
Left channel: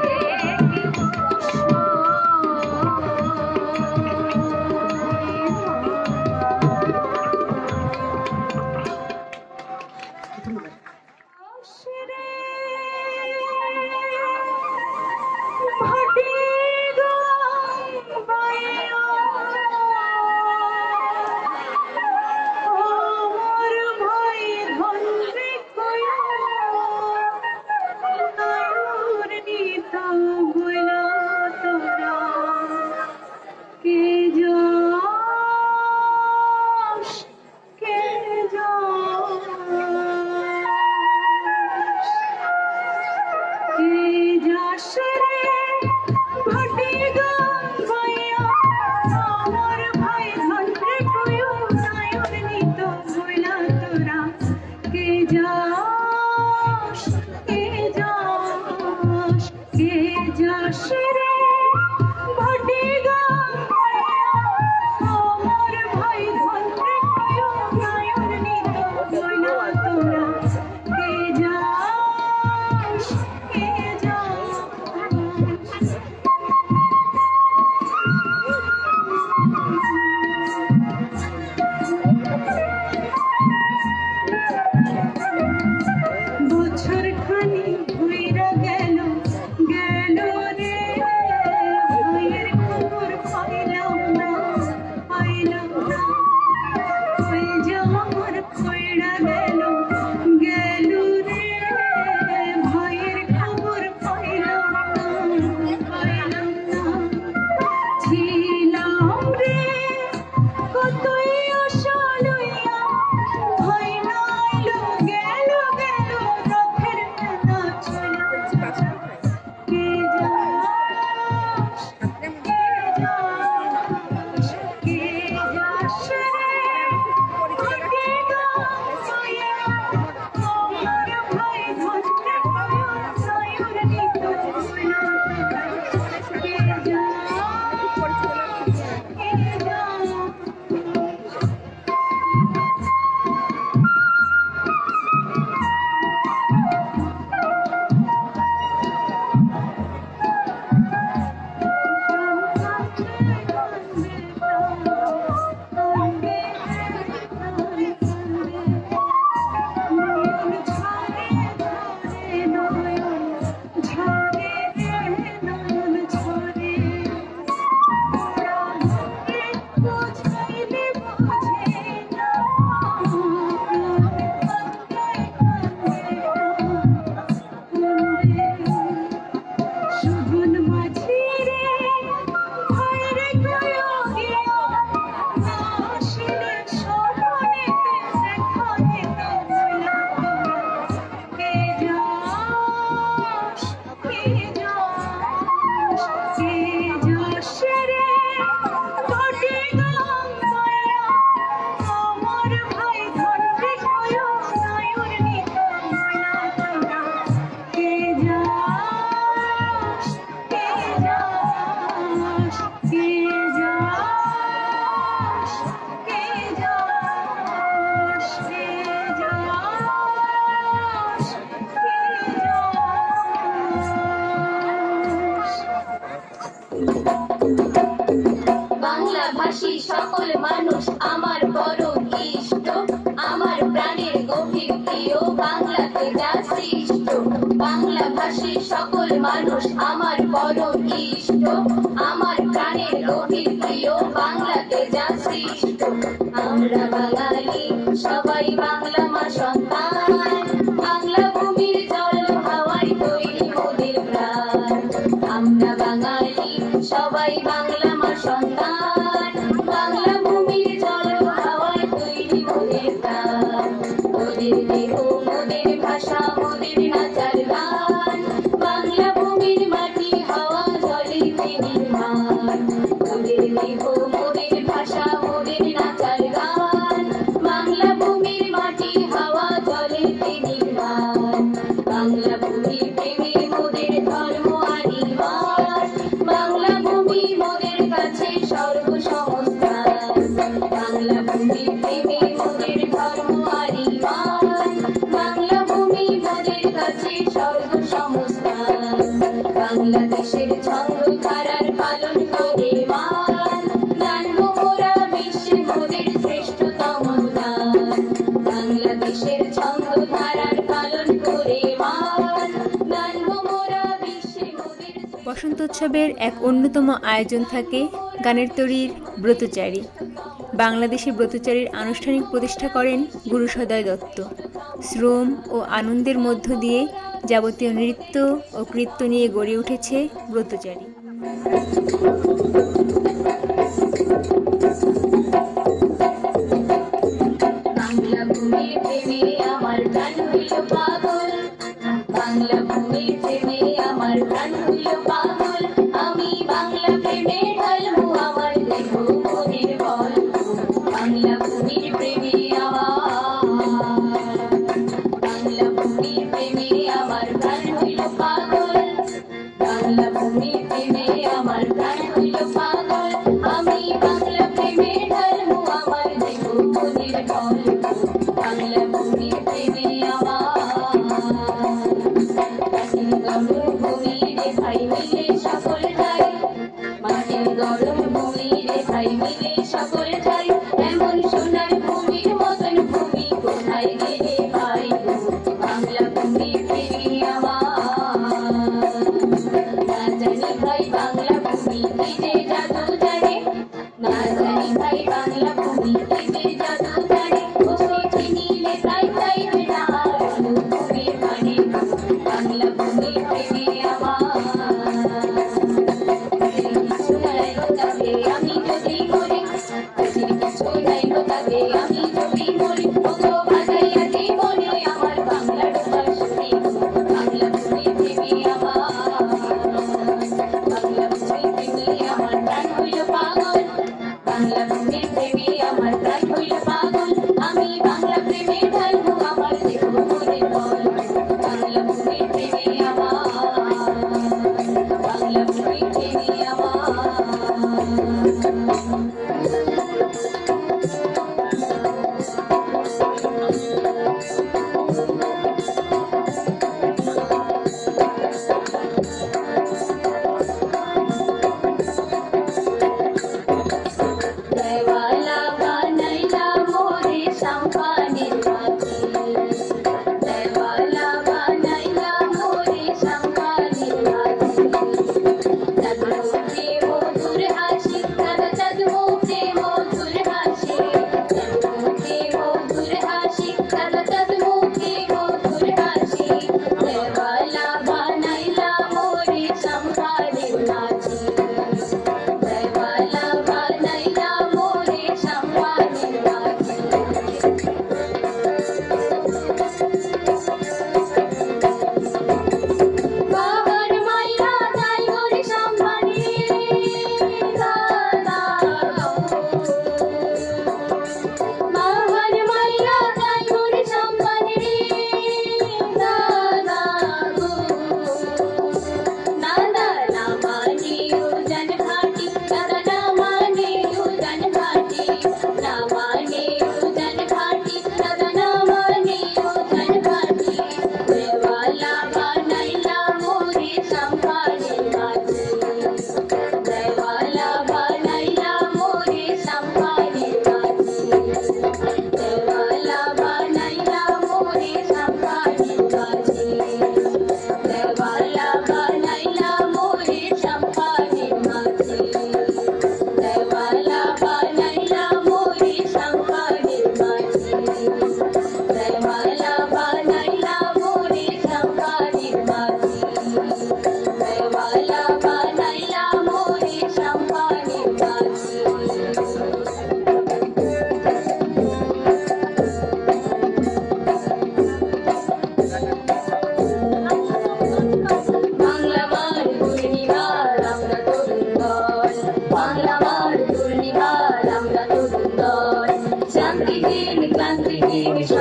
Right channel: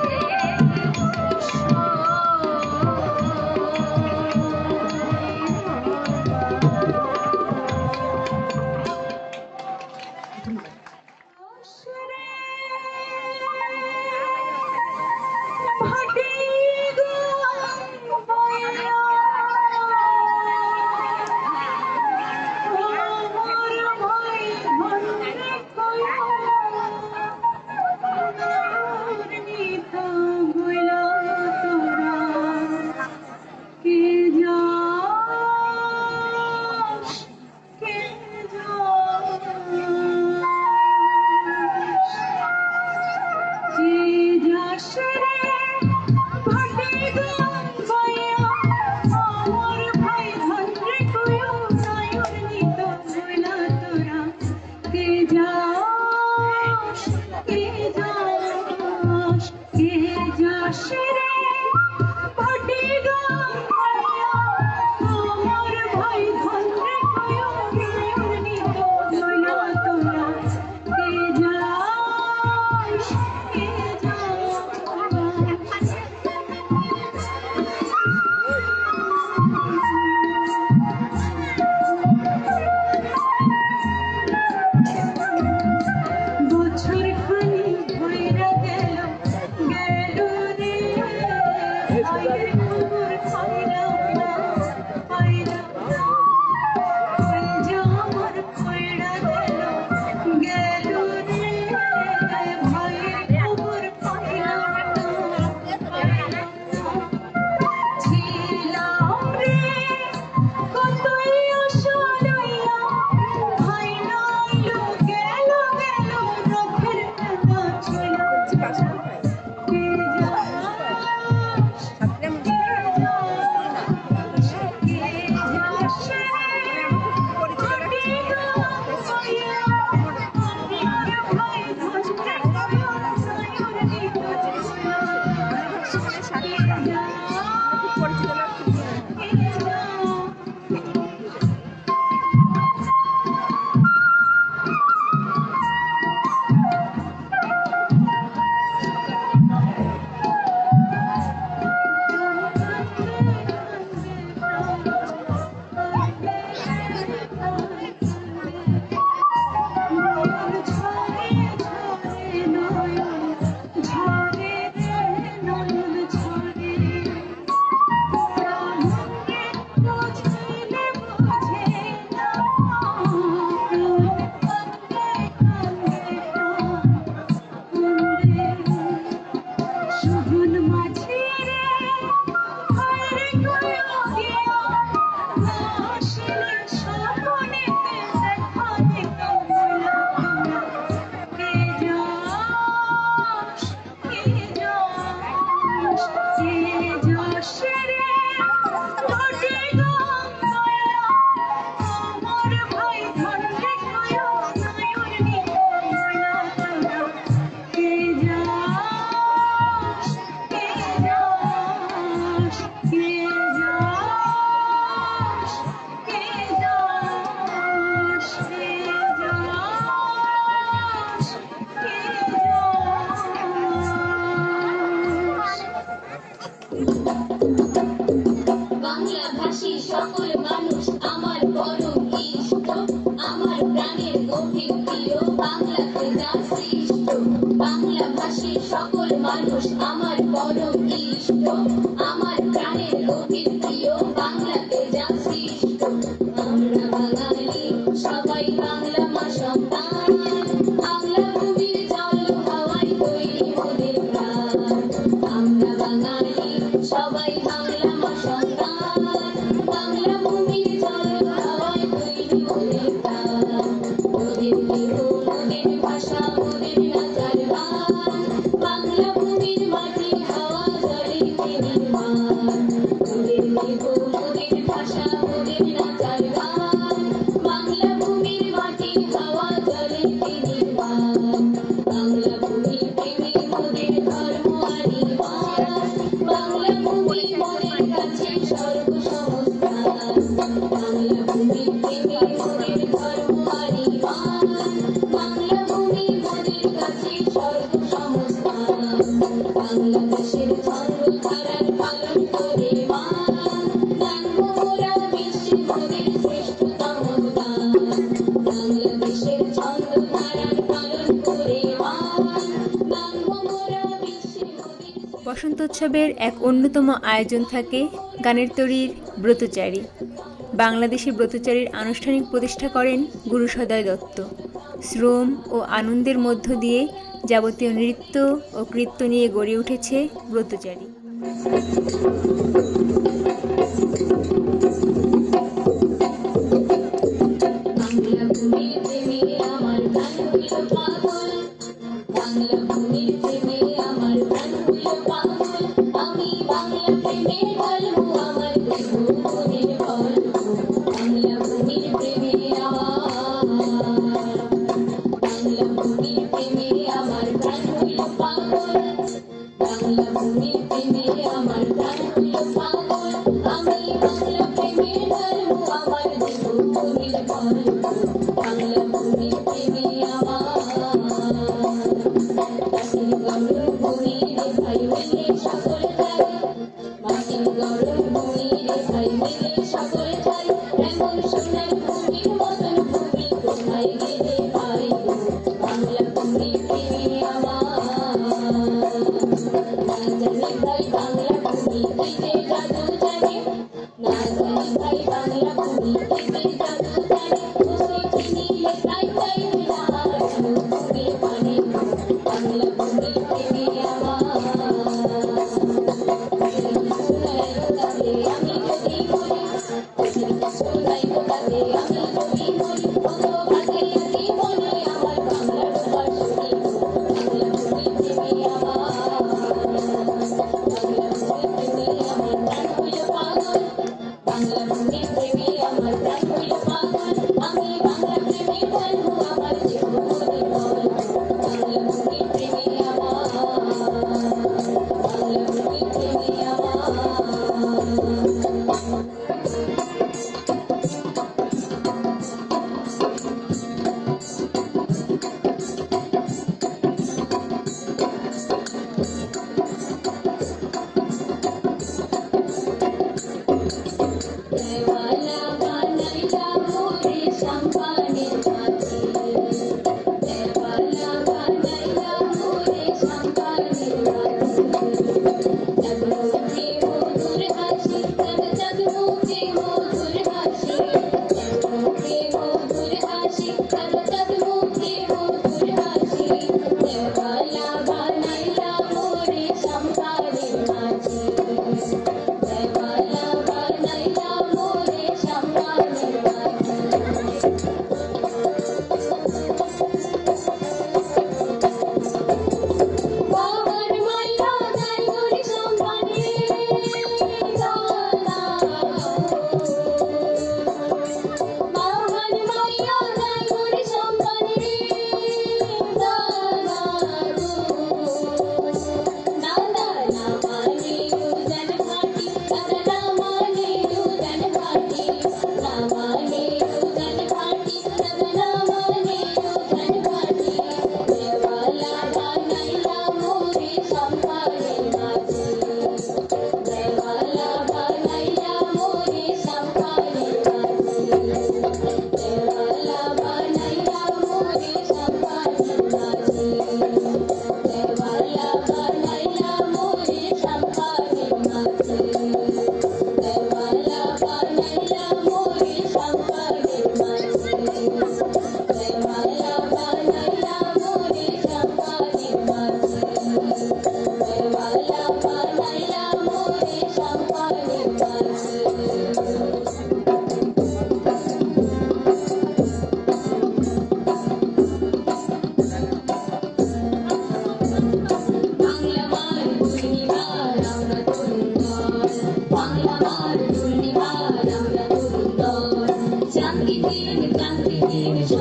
ভাটি গান বাইয়া আমার ভাই ধন্যে কয়া তোর নিত বইলা তোরা কে যাস কে যাস মানুষ আমার পরম ইষ্ট, আমার প্রাণের গভীর প্রিয় বাংলাতে যা সৃষ্ট। আমরা বাঙালি সবাই বাংলা মা সন্তান, বাংলা ভূমির জল হাওয়ায় তৈরি মোদের প্রাণ। আমরা বাঙালি সবাই বাংলা মা সন্তান, বাংলা ভূমির জল হাওয়ায় তৈরি মোদের প্রাণ। মোদের দেহ মোদের ভাষা মোদের নাচার গান, বাংলা ভূমির মাটি হাওয়া জলে নির্মাণ। মোদের দেহ মোদের ভাষা মোদের নাচার গান, বাংলা ভূমির মাটি হাওয়া জলে নির্মাণ। বাংলা ভূমির প্রেমে মোদের ধর্ম আনিবাস, বাংলা ভূমি মোদের কাছে সর্বসংস্থান। বাংলা ভূমির প্রেমে মোদের ধর্ম আনিবাস, বাংলা ভূমি মোদের কাছে সর্বসংস্থান। বাংলাদেশের ছন্দ ধারার পালন করে মান, জানবো মোরা বিশ্বে মোদের শ্রেষ্ঠতম দান। বাংলাদেশের ছন্দ ধারার পালন করে মান, জানবো মোরা বিশ্বে মোদের। বসন্তোৎসবের এক অন্যতম আয়োজন থাকে গানের তরীর ব্রতচারী। বাংলাদেশে ব্রতচারীর আনুষ্ঠানিক প্রতিষ্ঠা করেন গুরু সদয় দত্ত। শ্রম ও আনন্দের মধ্য দিয়ে যাবতীয় নৃত্য ও কৃত্য নিয়ে গড়ে উঠেছে ব্রতচারী। বাংলা ভূমির প্রেমে আমার প্রাণ হইল পাগল, বাংলা ভূমির প্রেমে আমার প্রাণ হইল পাগল। আমি বাংলা প্রেমে ঢালবো আমার দেহ মনের বল। বাংলা ভূমির প্রেমে বাংলা ভূমির প্রেমে আমার প্রাণ হইল পাগল, বাংলা ভূমির প্রেমে আমার প্রাণ হইল পাগল। আমি বাংলা প্রেমে ঢালবো আমার দেহ মনের বল। বাংলা ভূমির প্রেমে মাটির গরম ভূমি রে ভাই মিলে সকল যাই, মাটির গরম ভূমি রে ভাই মিলে সকল যাই। এমন সোনার ভূমির মতন ভূমি কোথায় গেলে ভাই, বাংলা ভূমির প্রেমে না জানি ভাই বাংলা ভূমি কি যে জাদু জানে, না জানি ভাই বাংলা ভূমি কি যে জাদু জানে। ওসি নিলে তাই তাই না ভূমি মানে, বাংলা ভূমি প্রেমে আমি যদি মরি, কিছু নাই তো তাকে আমি যদি মরি। অঙ্গ বাজাইয়া জীবনে আমার বাংলার বাসুরি, বাংলা ভূমি প্রেমে বাংলা ভূমি প্রেমে আমার প্রাণ হইল পাগল, বাংলা ভূমি প্রেমে আমার প্রাণ হইল পাগল। আমি বাংলা প্রেমে ঢালবো আমার দেহ মনের বল। বাংলা ভূমি প্রেমে বাংলা ভূমি প্রেমে দেওয়ালা বানাইলা মোরে সাম্পানের পাতিল,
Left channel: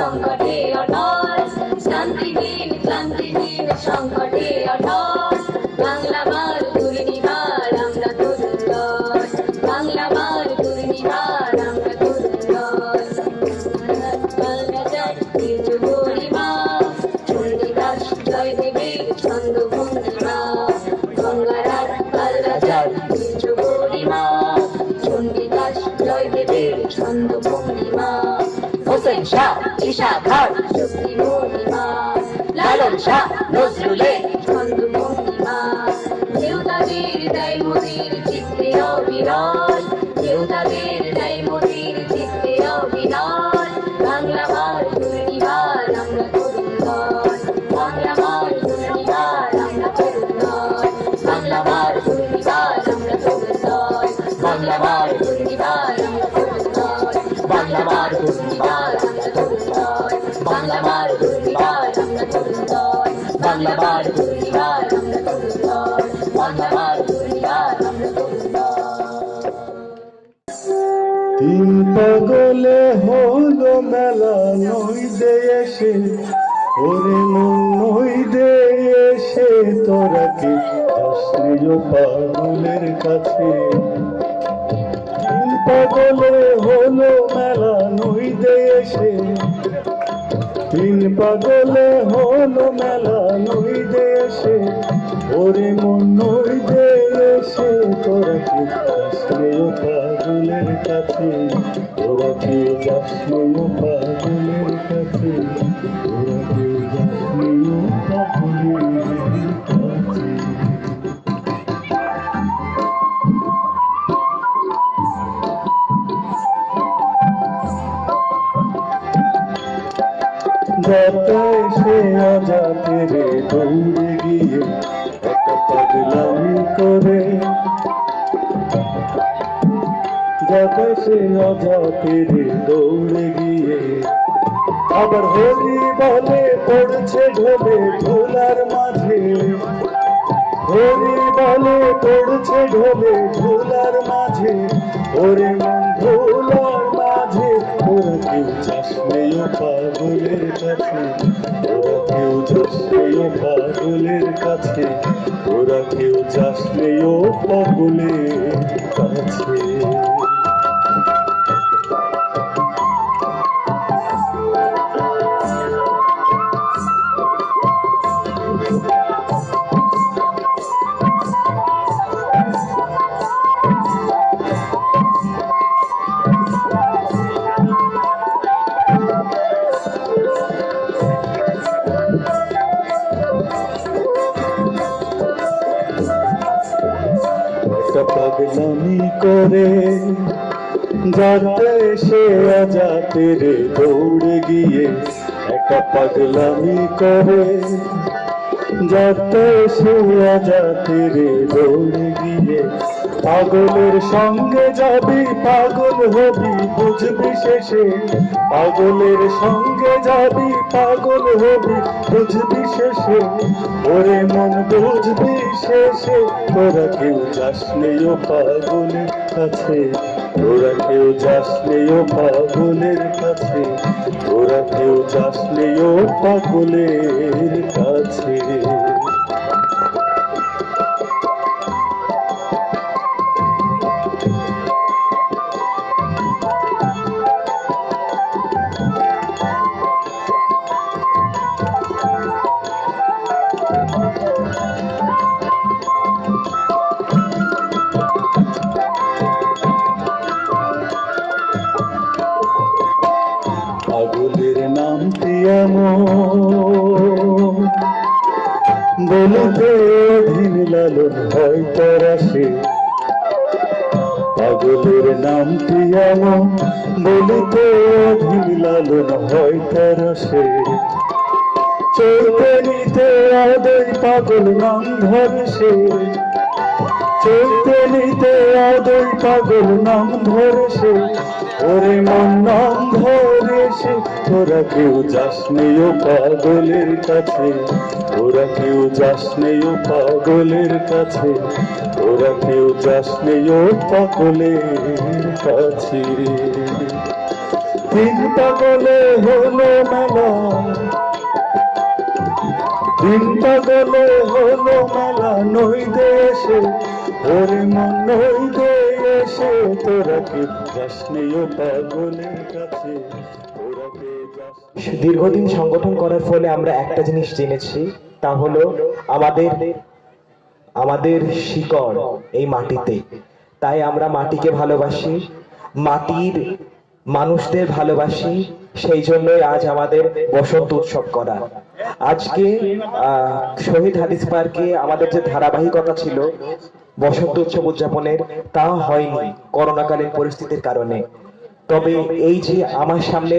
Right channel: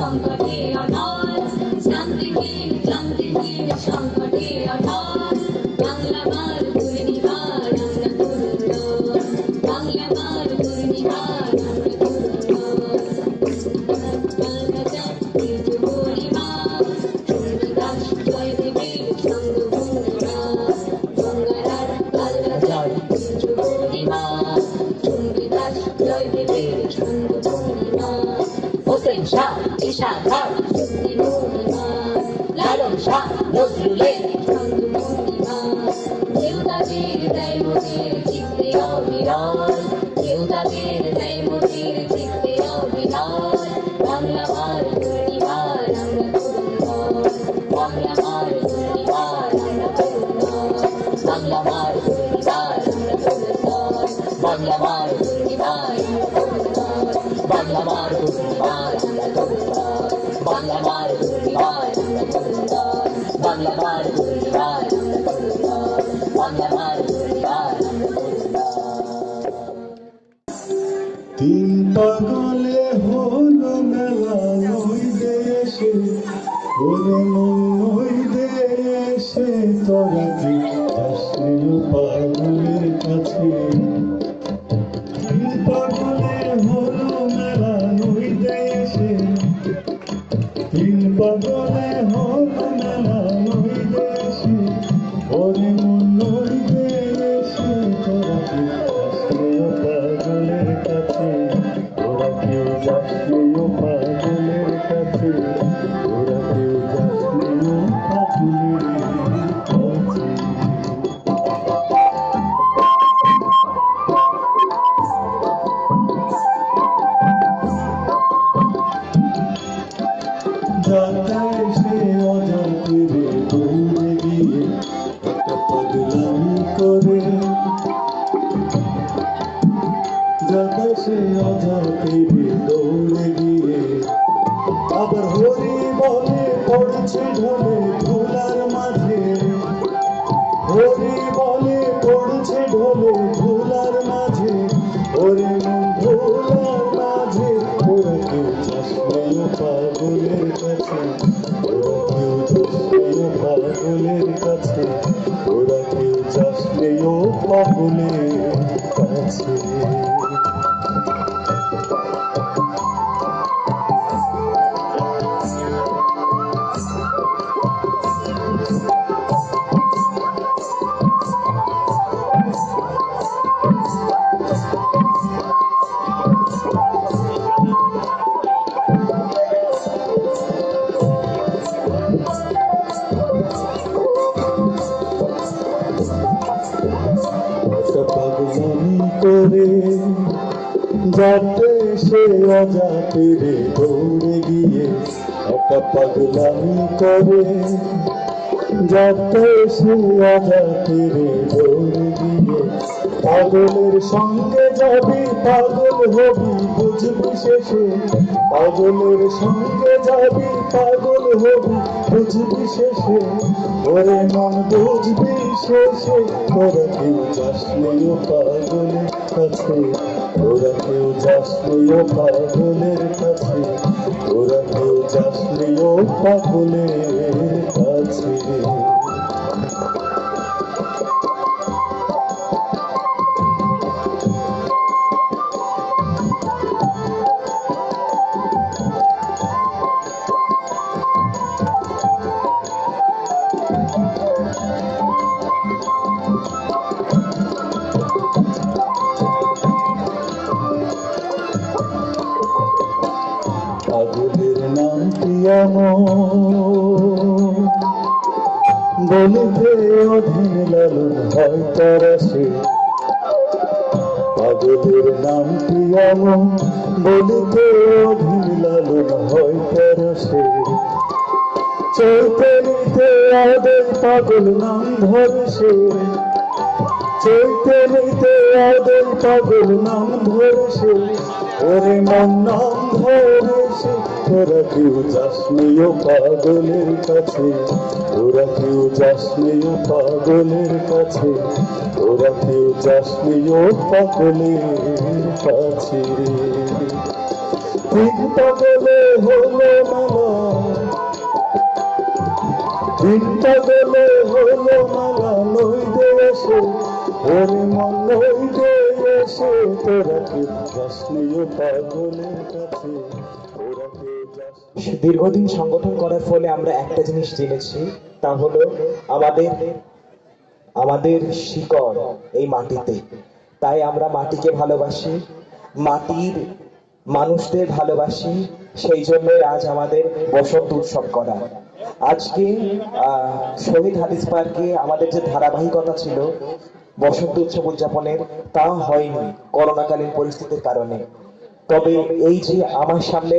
সংকটে অটল, শান্তিহীন ক্লান্তিহীন সংকটে অটল, বাংলা মার দুর্নিবার আমরা তরুণ দল, বাংলা মার দুর্নিবার আমরা তরুণ দল। বাংলা জয় বীর পূর্ণিমা, চন্ডিদাস জয় দেবীর ছন্দ পূর্ণিমা, গঙ্গারার বাংলা জয় বীর পূর্ণিমা, চন্ডিদাস জয় দেবীর ছন্দ পূর্ণিমা, হোসেন শাহ ঈশা খান শক্তি পূর্ণিমা, লালন শাহ নজরুলের ছন্দ পূর্ণিমা, দেবতাদের দেয় মোদের চিত্তে অবিরল, দেবতাদের দেয় মোদের চিত্তে অবিরল, বাংলা মার দুর্নিবার আমরা তরুণ দল, বাংলা মার দুর্নিবার আমরা তরুণ দল, বাংলা মার দুর্নিবার আমরা তরুণ দল, বাংলা মার দুর্নিবার আমরা তরুণ দল, বাংলা মার দুর্নিবার আমরা তরুণ দল, বাংলা মার দুর্নিবার আমরা তরুণ দল, বাংলা মার দুর্নিবার আমরা তরুণ দল, বাংলা মার দুর্নিবার আমরা তরুণ দল। তিন পাগলে হলো মেলা নই দে এসে, ওরে মন নই দে এসে, তোরা কি আসলিও পাগলের কাছে। তিন পাগলে হলো মেলা নই দে এসে, তিন পাগলে হলো মেলা নই দে এসে, ওরে মন নই দে এসে, তোরা কি আসলিও পাগলের কাছে, ওরা কেউ যাসলিও পাগলের কাছে, ওরা কেউ যাসলিও পাগলের কাছে। যাতে সে আজাতে রে দৌড়ে গিয়ে একটা পাগলামি করে, যাতে সে আজাতে রে দৌড়ে গিয়ে আবার হরি বলে পড়ছে ঢলে ধুলার মাঝে, হরি বলে পড়ছে ঢলে ধুলার মাঝে, ওরে মন ধুলার মাঝে, ওরা কেউ যাসলিও পাগলের কাছে, ওরা কেউ যাসলিও পাগলের কাছে, ওরা কেউ যাসলিও পাগলের কাছে। পাগলামি করে যাতে সে অজাতে রে দৌড়ে গিয়ে, একটা পাগলামি করে যাতে সে অজাতে রে দৌড়ে গিয়ে, পাগলের সঙ্গে যাবি পাগল হবি বুঝবি শেষে, পাগলের সঙ্গে যাবি পাগল হবি বুঝবি শেষে, ওরে মন বুঝবি শেষে, তোরা কেউ যাসলিও পাগলের কাছে, তোরা কেউ যাসলিও পাগলের কাছে, তোরা কেউ যাসলিও পাগলের কাছে। পাগলের নামটি এমন বলতে অধীন লালন হয় তারা সে, পাগলের নামটি এমন বলতে অধীন লালন হয় তারা সে, চলতে নিতে আদর পাগল নাম ধরে সে, চলতে নিতে আদর পাগল নাম ধরে সে, ওরে মন নাম ধরে সে, তোরা কেউ যাসলিও পাগলের কাছে, ওরা কেউ যাসলিও পাগলের কাছে, ওরা কেউ যাসলিও পাগলের কাছে। চিন্তা গলে হলো মেলা, চিন্তা গলে হলো মেলা, নই দেশে ওরে মন নই দেশে, তোরা কি যাসনিও পাগলের কাছে, তোরা কে যাস। দীর্ঘদিন সংগঠন করার ফলে আমরা একটা জিনিস জেনেছি, তা হলো আমাদের শিকড় এই মাটিতে। তাই আমরা মাটিকে ভালোবাসি, মাটির মানুষদের ভালোবাসি, সেই জন্যই আজ আমাদের বসন্ত উৎসব করা। আজকে শহীদ হাদিস পার্কে আমাদের যে ধারাবাহিকতা ছিল বসন্ত উৎসব উদযাপনের, তা হয়নি করোনাকালীন পরিস্থিতির কারণে। তবে এই যে আমার সামনে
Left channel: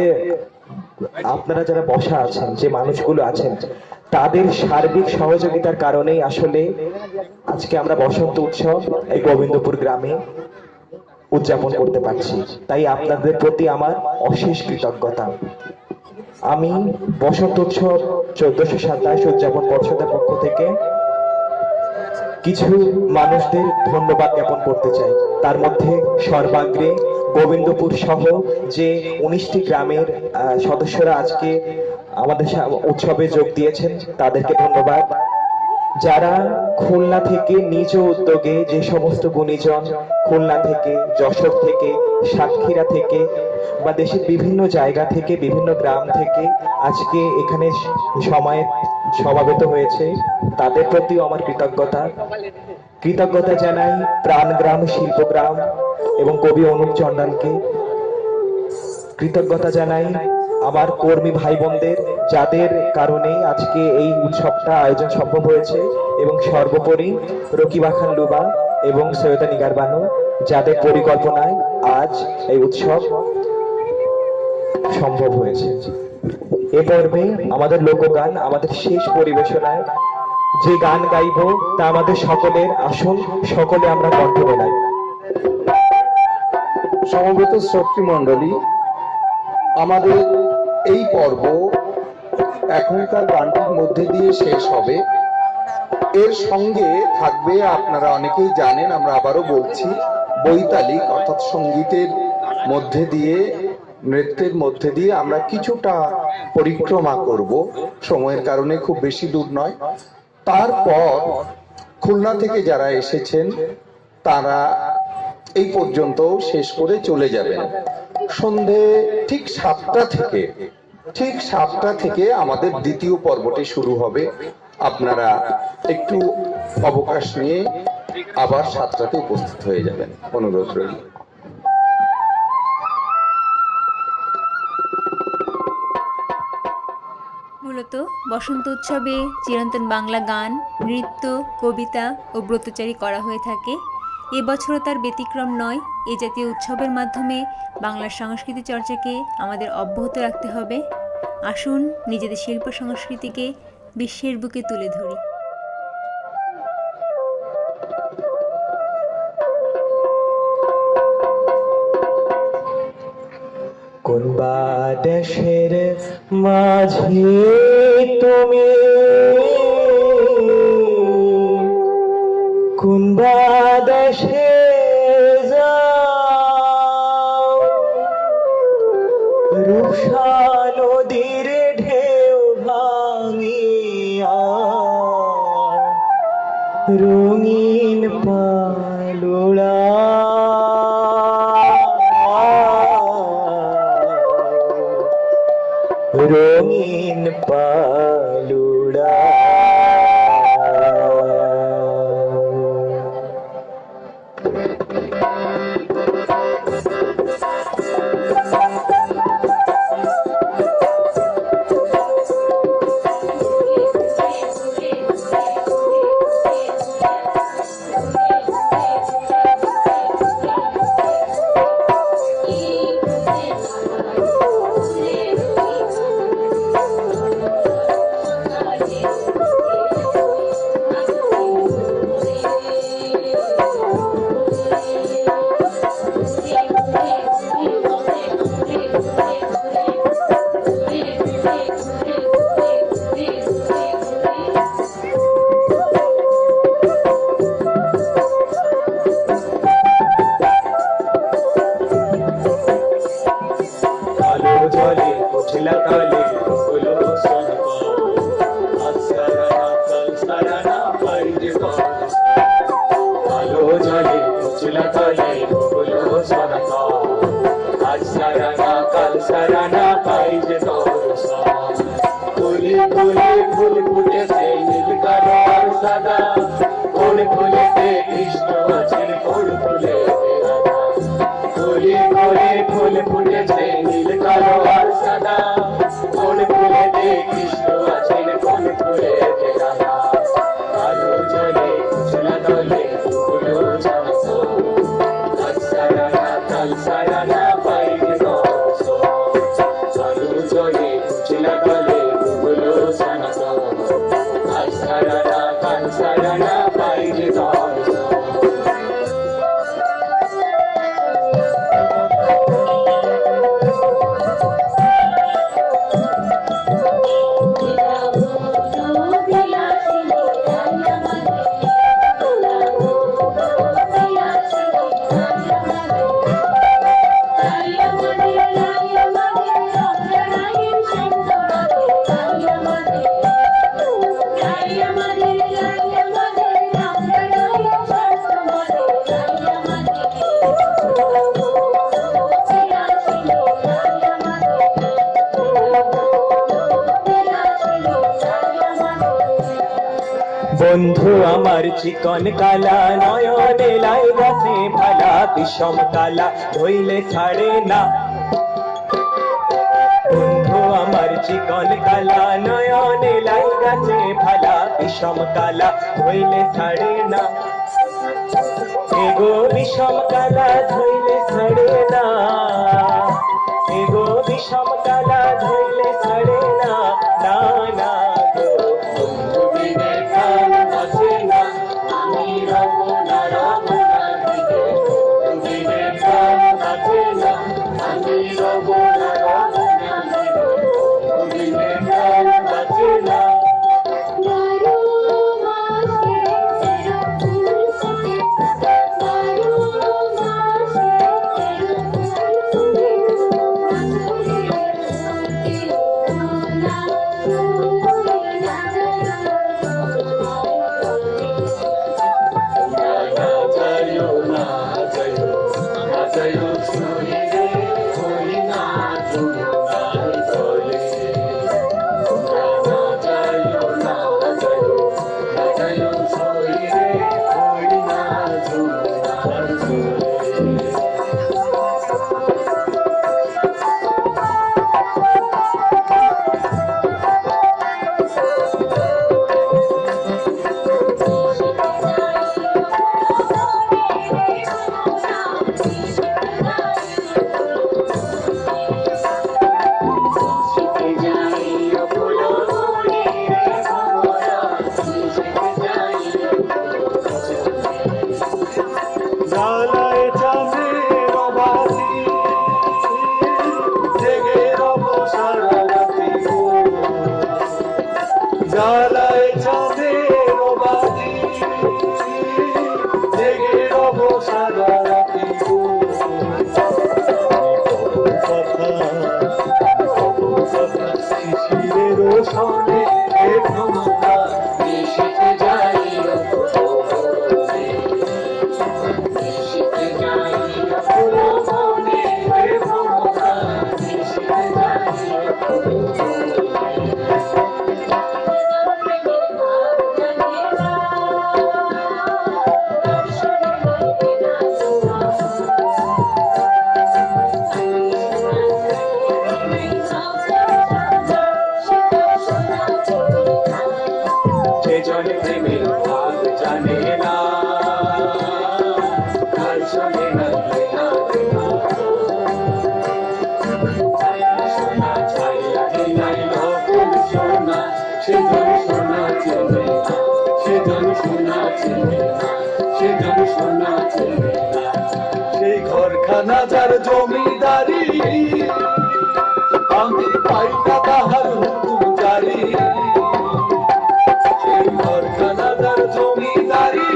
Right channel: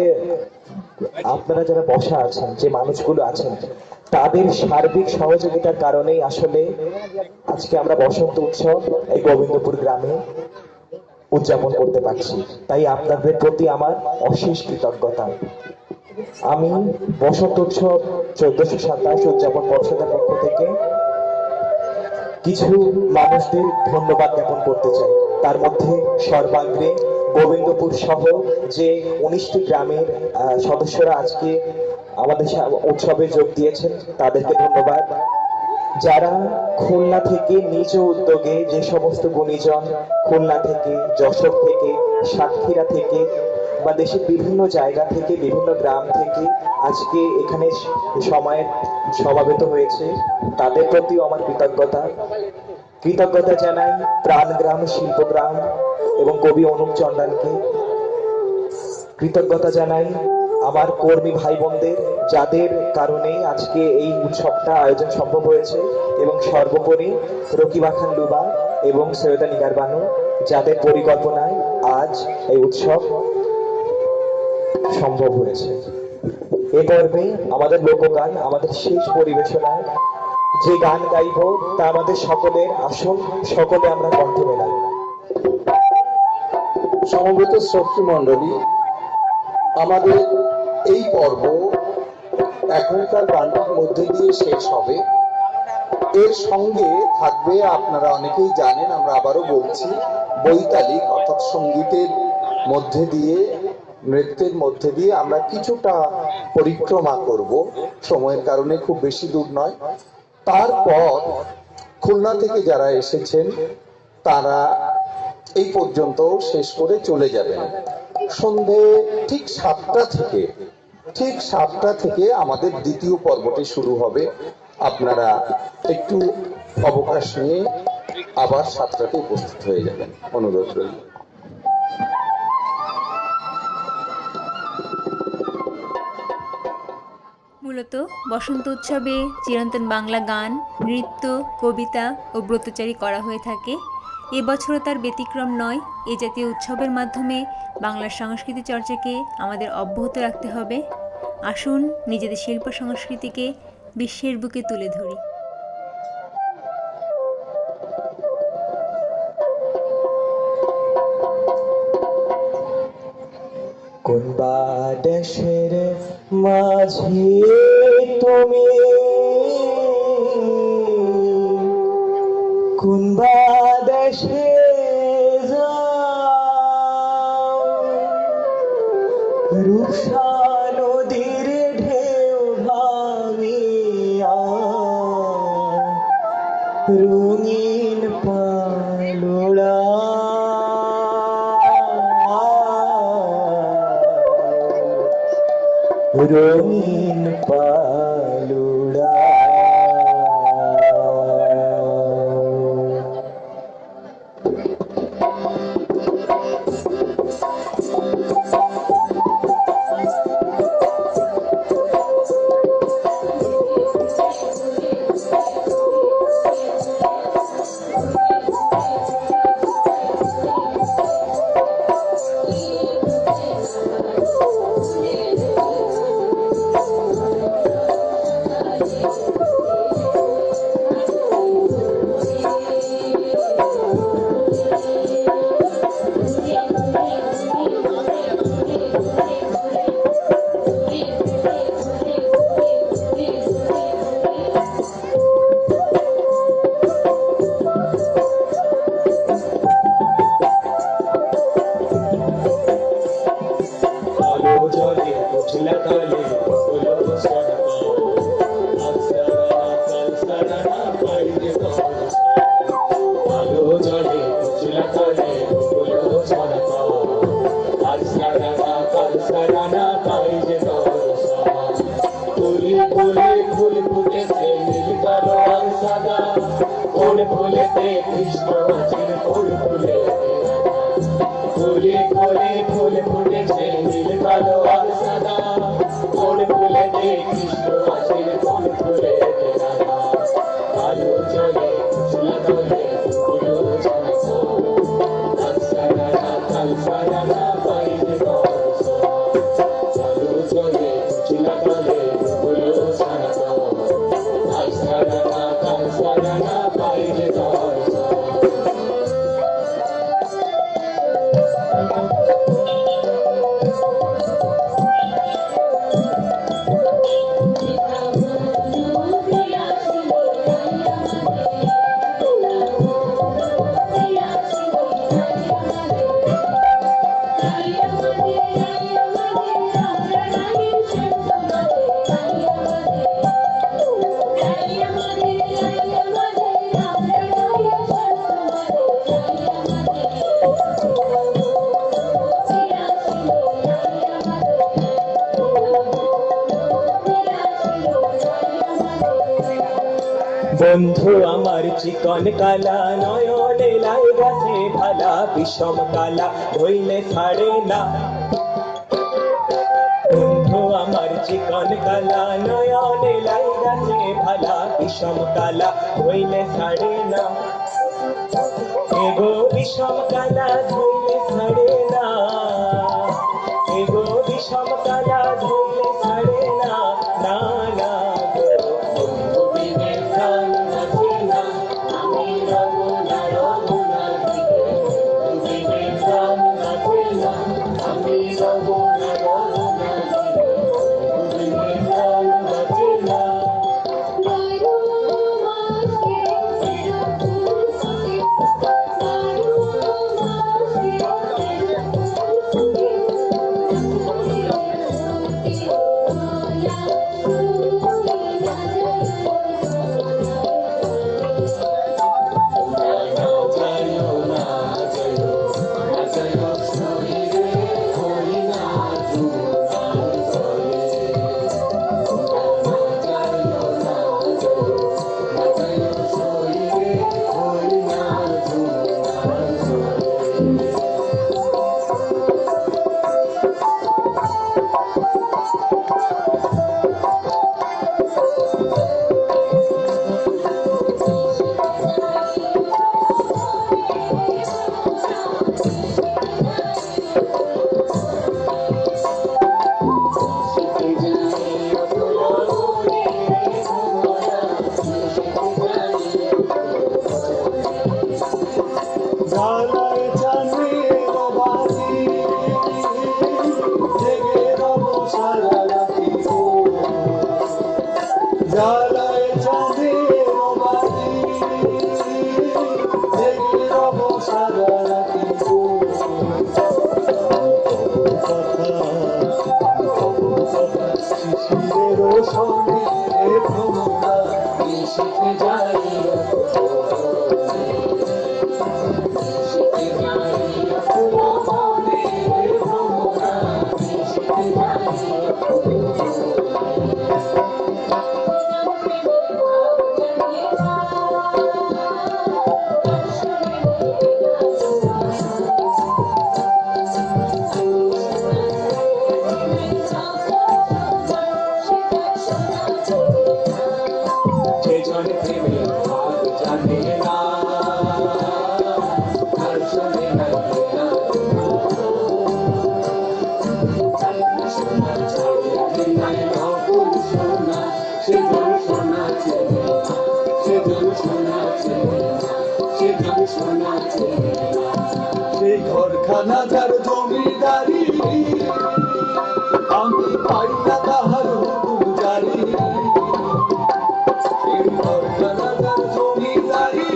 আপনারা যারা বসা আছেন, যে মানুষগুলো আছেন, তাদের সার্বিক সহযোগিতার কারণেই আসলে আজকে আমরা বসন্ত উৎসব এই গোবিন্দপুর গ্রামে উদযাপন করতে পারছি। তাই আপনাদের প্রতি আমার অশেষ কৃতজ্ঞতা। আমি বসন্ত উৎসব 1427 উদযাপন পর্ষদের পক্ষ থেকে কিছু মানুষদের ধন্যবাদ জ্ঞাপন করতে চাই। তার মধ্যে সর্বাগ্রে গোবিন্দপুর সহ যে 19টি গ্রামের সদস্যরা আজকে আমাদের উৎসবে যোগ দিয়েছেন, তাদেরকে ধন্যবাদ। যারা খুলনা থেকে নিজ উদ্যোগে, যে সমস্ত গুণীজন খুলনা থেকে, যশোর থেকে, সাতক্ষীরা থেকে বা দেশের বিভিন্ন জায়গা থেকে, বিভিন্ন গ্রাম থেকে আজকে এখানে সমাবেত হয়েছে, তাদের প্রতিও আমার কৃতজ্ঞতা জানাই প্রাণগ্রাম শিল্পগ্রাম এবং কবি অনুপ চন্ডালকে। কৃতজ্ঞতা জানাই আমার কর্মী ভাই বোনদের, যাদের কারণে আজকে এই উৎসবটা আয়োজন সম্ভব হয়েছে, এবং সর্বোপরি রকিবা খান লুবা এবং সৈয়দা নিগার বানু, যাদের পরিকল্পনায় আজ এই উৎসব সম্ভব হয়েছে। এ পর্বে আমাদের লোকগান, আমাদের শেষ পরিবেশনায় যে গান গাইব তা আমাদের সকলের। আসুন সকলে আমরা কণ্ঠ মেলাই। সমবেত শ্রোতৃ মণ্ডলী, আমাদের এই পর্ব এখনকার গানটির মধ্যে দিয়ে শেষ হবে। এর সঙ্গে থাকবে, আপনারা অনেকেই জানেন, আমরা আবারও বলছি, বৈতালিক অর্থাৎ সঙ্গীতের মধ্যে দিয়ে, নৃত্যের মধ্যে দিয়ে আমরা কিছুটা পরিক্রমা করব, সময়ের কারণে খুব বেশি দূর নয়। তারপর খুলনা থেকে যারা এসেছেন তারা এই পর্যন্ত শেষ করে চলে যাবেন। সন্ধে ঠিক 7টা থেকে আমাদের দ্বিতীয় পর্বটি শুরু হবে। আপনারা একটু অবকাশ নিয়ে আবার 7টাতে উপস্থিত হয়ে যাবেন, অনুরোধ রইল। মূলত বসন্ত উৎসবে চিরন্তন বাংলা গান, নৃত্য, কবিতা ও ব্রতচারী করা হয়ে থাকে। এবছরও তার ব্যতিক্রম নয়। এই জাতীয় উৎসবের মাধ্যমে বাংলার সংস্কৃতি চর্চাকে আমাদের অব্যাহত রাখতে হবে। আসুন নিজেদের শিল্প সংস্কৃতিকে বিশ্বের বুকে তুলে ধরি। কোন দেশের মাঝে তুমি, কোন দেশে যাও, রূপসা নদীর ঢেউ ভাঙিয়া রঙিন পালোড়া, রঙিন পালুড়া। ফুলে ফুল ফুটেছে নীল কালো আর সাদা কোন ফুলেতে কৃষ্ণ আছেন কোন ফুলে রাধা ফুলে করে ফুল ফুটেছে নীল কালো আর সাদা কোন ফুলেতে কৃষ্ণ আছেন কোন ফুলে রাধা আলো জলে উজলা দলে ফুলো জানতো কাল সারানা পাইনি রস আলো জলে উজলা দলে ফুলো জানতো কাল সারানা পাইনি রস বন্ধু আমার চিকন কালা নয়নে লাই গাছে ভালা বিষম কালা ধইলে ছাড়ে না বন্ধু আমার চিকন কালা নয়নে লাই গাছে ভালা বিষম কালা ধইলে ছাড়ে না এগো বিষম কালা ধইলে ছাড়ে না এগো বিষম কালা ধইলে ছাড়ে না না না বন্ধু বিনে কাল বাঁচে না আমি রব না রব না দিতে বন্ধু বিনে কাল বাঁচে না আমি রব না রব না দিতে বন্ধু বিনে কাল বাঁচে না জ্বালায় চাঁদের বাতি জেগে রব সারা রাতি জ্বালায় চাঁদের বাতি জেগে রব সারা রাতি কথা শিশিরের সনে ভ্রমণা শিখে যাই সেজন প্রেমের ভাব জানে না কার সঙ্গে নাচবে না সোনা ছাইলা নাই নকুল সোনা সেজন সোনা চেনে না সেজন সোনা চেনে না সেজন সোনা চেনে না সেই ঘরখানা যার জমিদারি আমি পাই না তাহার হুকুম জারি সেই ঘরখানা যার জমিদারি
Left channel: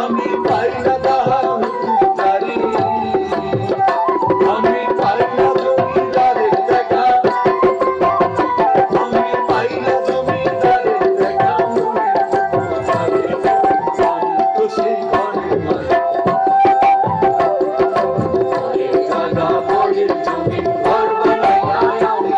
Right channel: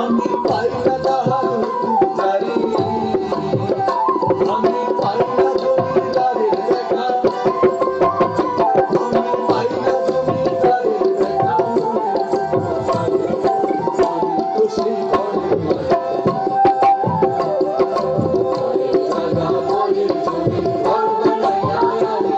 আমি পাই না তাহার হুকুম জারি আমি পাই না জমিদারের দেখা আমি পাই না জমিদারের দেখা তো সেই ঘরের দাদা পরের জমি ঘর বানাই আমি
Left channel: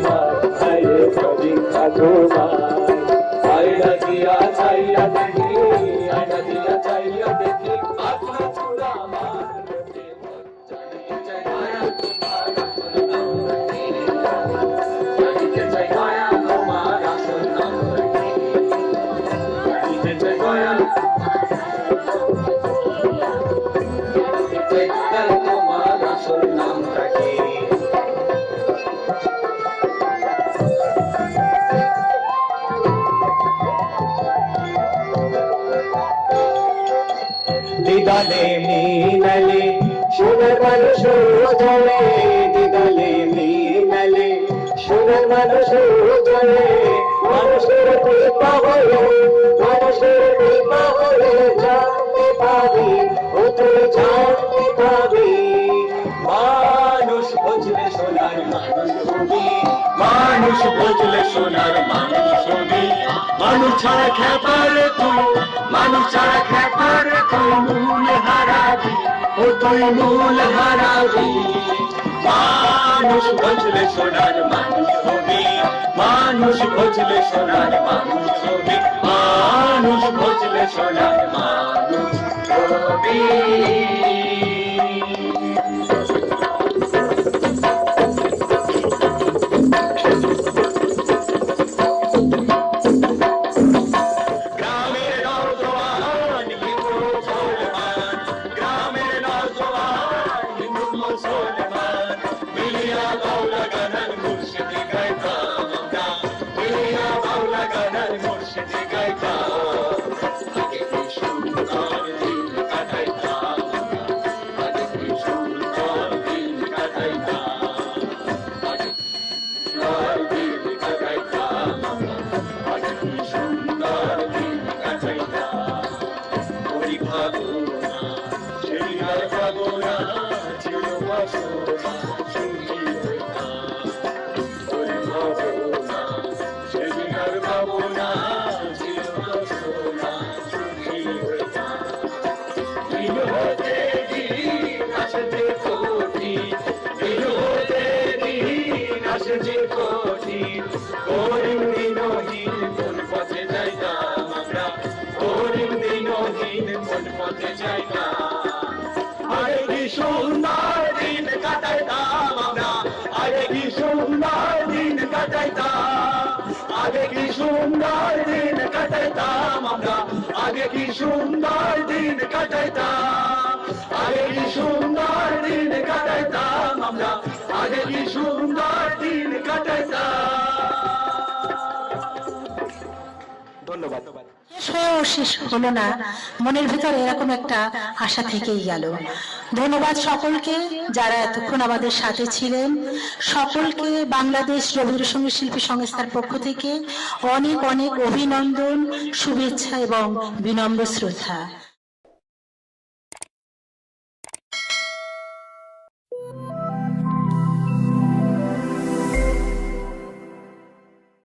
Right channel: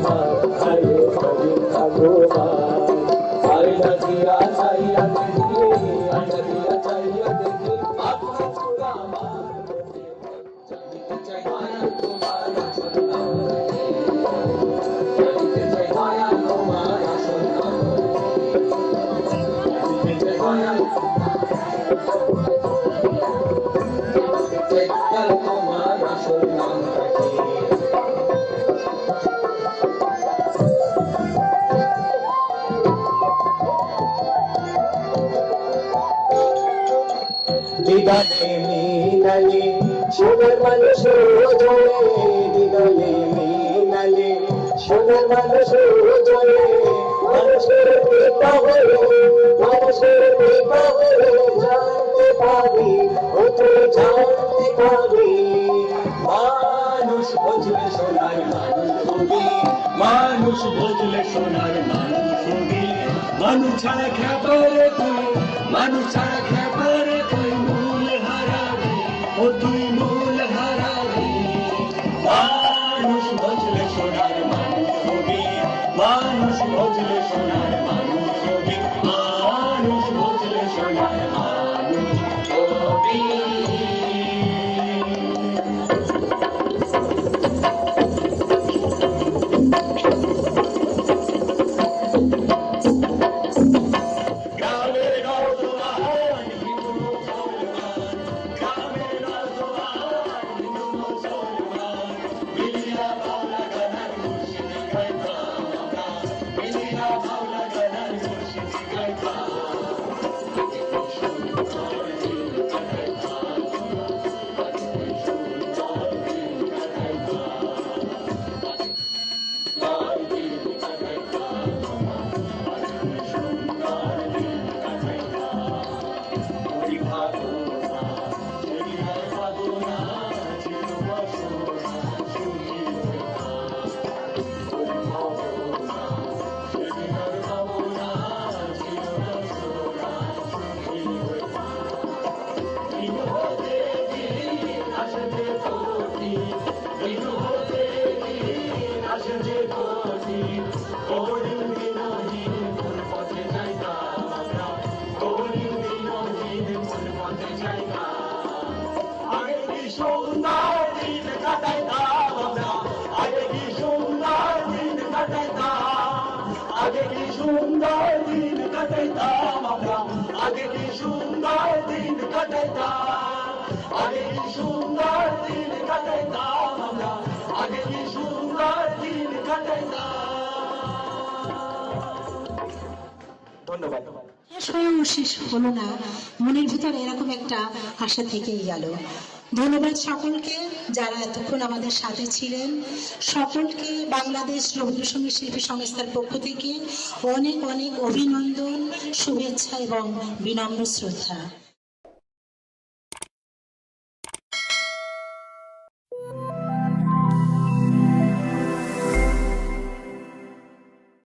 তোমার হাইরে সবিতা তোমার আয়না দিয়া চাইয়া দেখি আয়না দিয়া চাইয়া দেখি পাতলা চূড়া আমার লোকে জানিতে চাই মায়া তোমার আসল নাম কি? জানিতে চাই মায়া তোমার আসল নাম কি? জানিতে চাই মায়া তোমার আসল নামটা কি? দিদালে মিনালে সোনার মানুষ জলে দিদালে মিনালে সোনার মানুষ জলে মানুষের কৃপা হলো মানুষের কৃপা হলো জানতে পাবি ও তুই জানতে পাবি মানুষ বুঝলে সোনার মানুষ হবি মানুষ বুঝলে সোনার মানুষ হবি মানুষ ছাড়া খেপার তুই মানুষ ছাড়া খেপার তুই মূল হারাবি ও তুই মূল হারাবি মানুষ বুঝলে সোনার মানুষ হবি মানুষ বুঝলে সোনার মানুষ হবি মানুষ বুঝলে সোনার মানুষ হবি গ্রামের নওজোয়ান হিন্দু মুসলমান গ্রামের নওজোয়ান হিন্দু মুসলমান মিলিয়া বাউলা গানার মুর্শিদি গাইতাম আমরা মিলিয়া বাউলা গানার মুর্শিদি গাইতাম আগে কি সুন্দর দিন কাটাইতাম আগে কি সুন্দর দিন কাটাইতাম আগে দিন কাটাইতাম আগে কি সুন্দর দিন কাটাইতাম ওই ভাবনা সেই আর ভাবনা ছিল বাসনা সুখী হইতাম ওই ভাবনা সেই আর ভাবনা ছিল বাসনা সুখী হইতাম দিন হতে দিন আসে যে কোটি দিন হতে দিন আসে যে কোটি করিম দিনহীন কোন পথে যাইতাম আমরা করিম দিনহীন কোন পথে যাইতাম আরে কি সুন্দর দিন কাটাইতাম আমরা আগে কি সুন্দর দিন কাটাইতাম আগে কি সুন্দর দিন কাটাইতাম আমরা আগে কি সুন্দর দিন কাটাইতাম আগে কি সুন্দর দিন কাটাইতাম আমরা আগে কি সুন্দর দিন কাটাইতাম ধন্যবাদ শেষ হয়েও শেষ হলো না, মনের ভিতর এরকম একটা আশা থেকেই গেল। ধন্যবাদ সকলকে যারা এতক্ষণ আমাদের সাথে ছিলেন। সকলকে বাংলাদেশ রবীন্দ্রসঙ্গীত শিল্পী সংস্থার পক্ষ থেকে অনেক অনেক অভিনন্দন, শুভেচ্ছা এবং বিনম্র শ্রদ্ধা।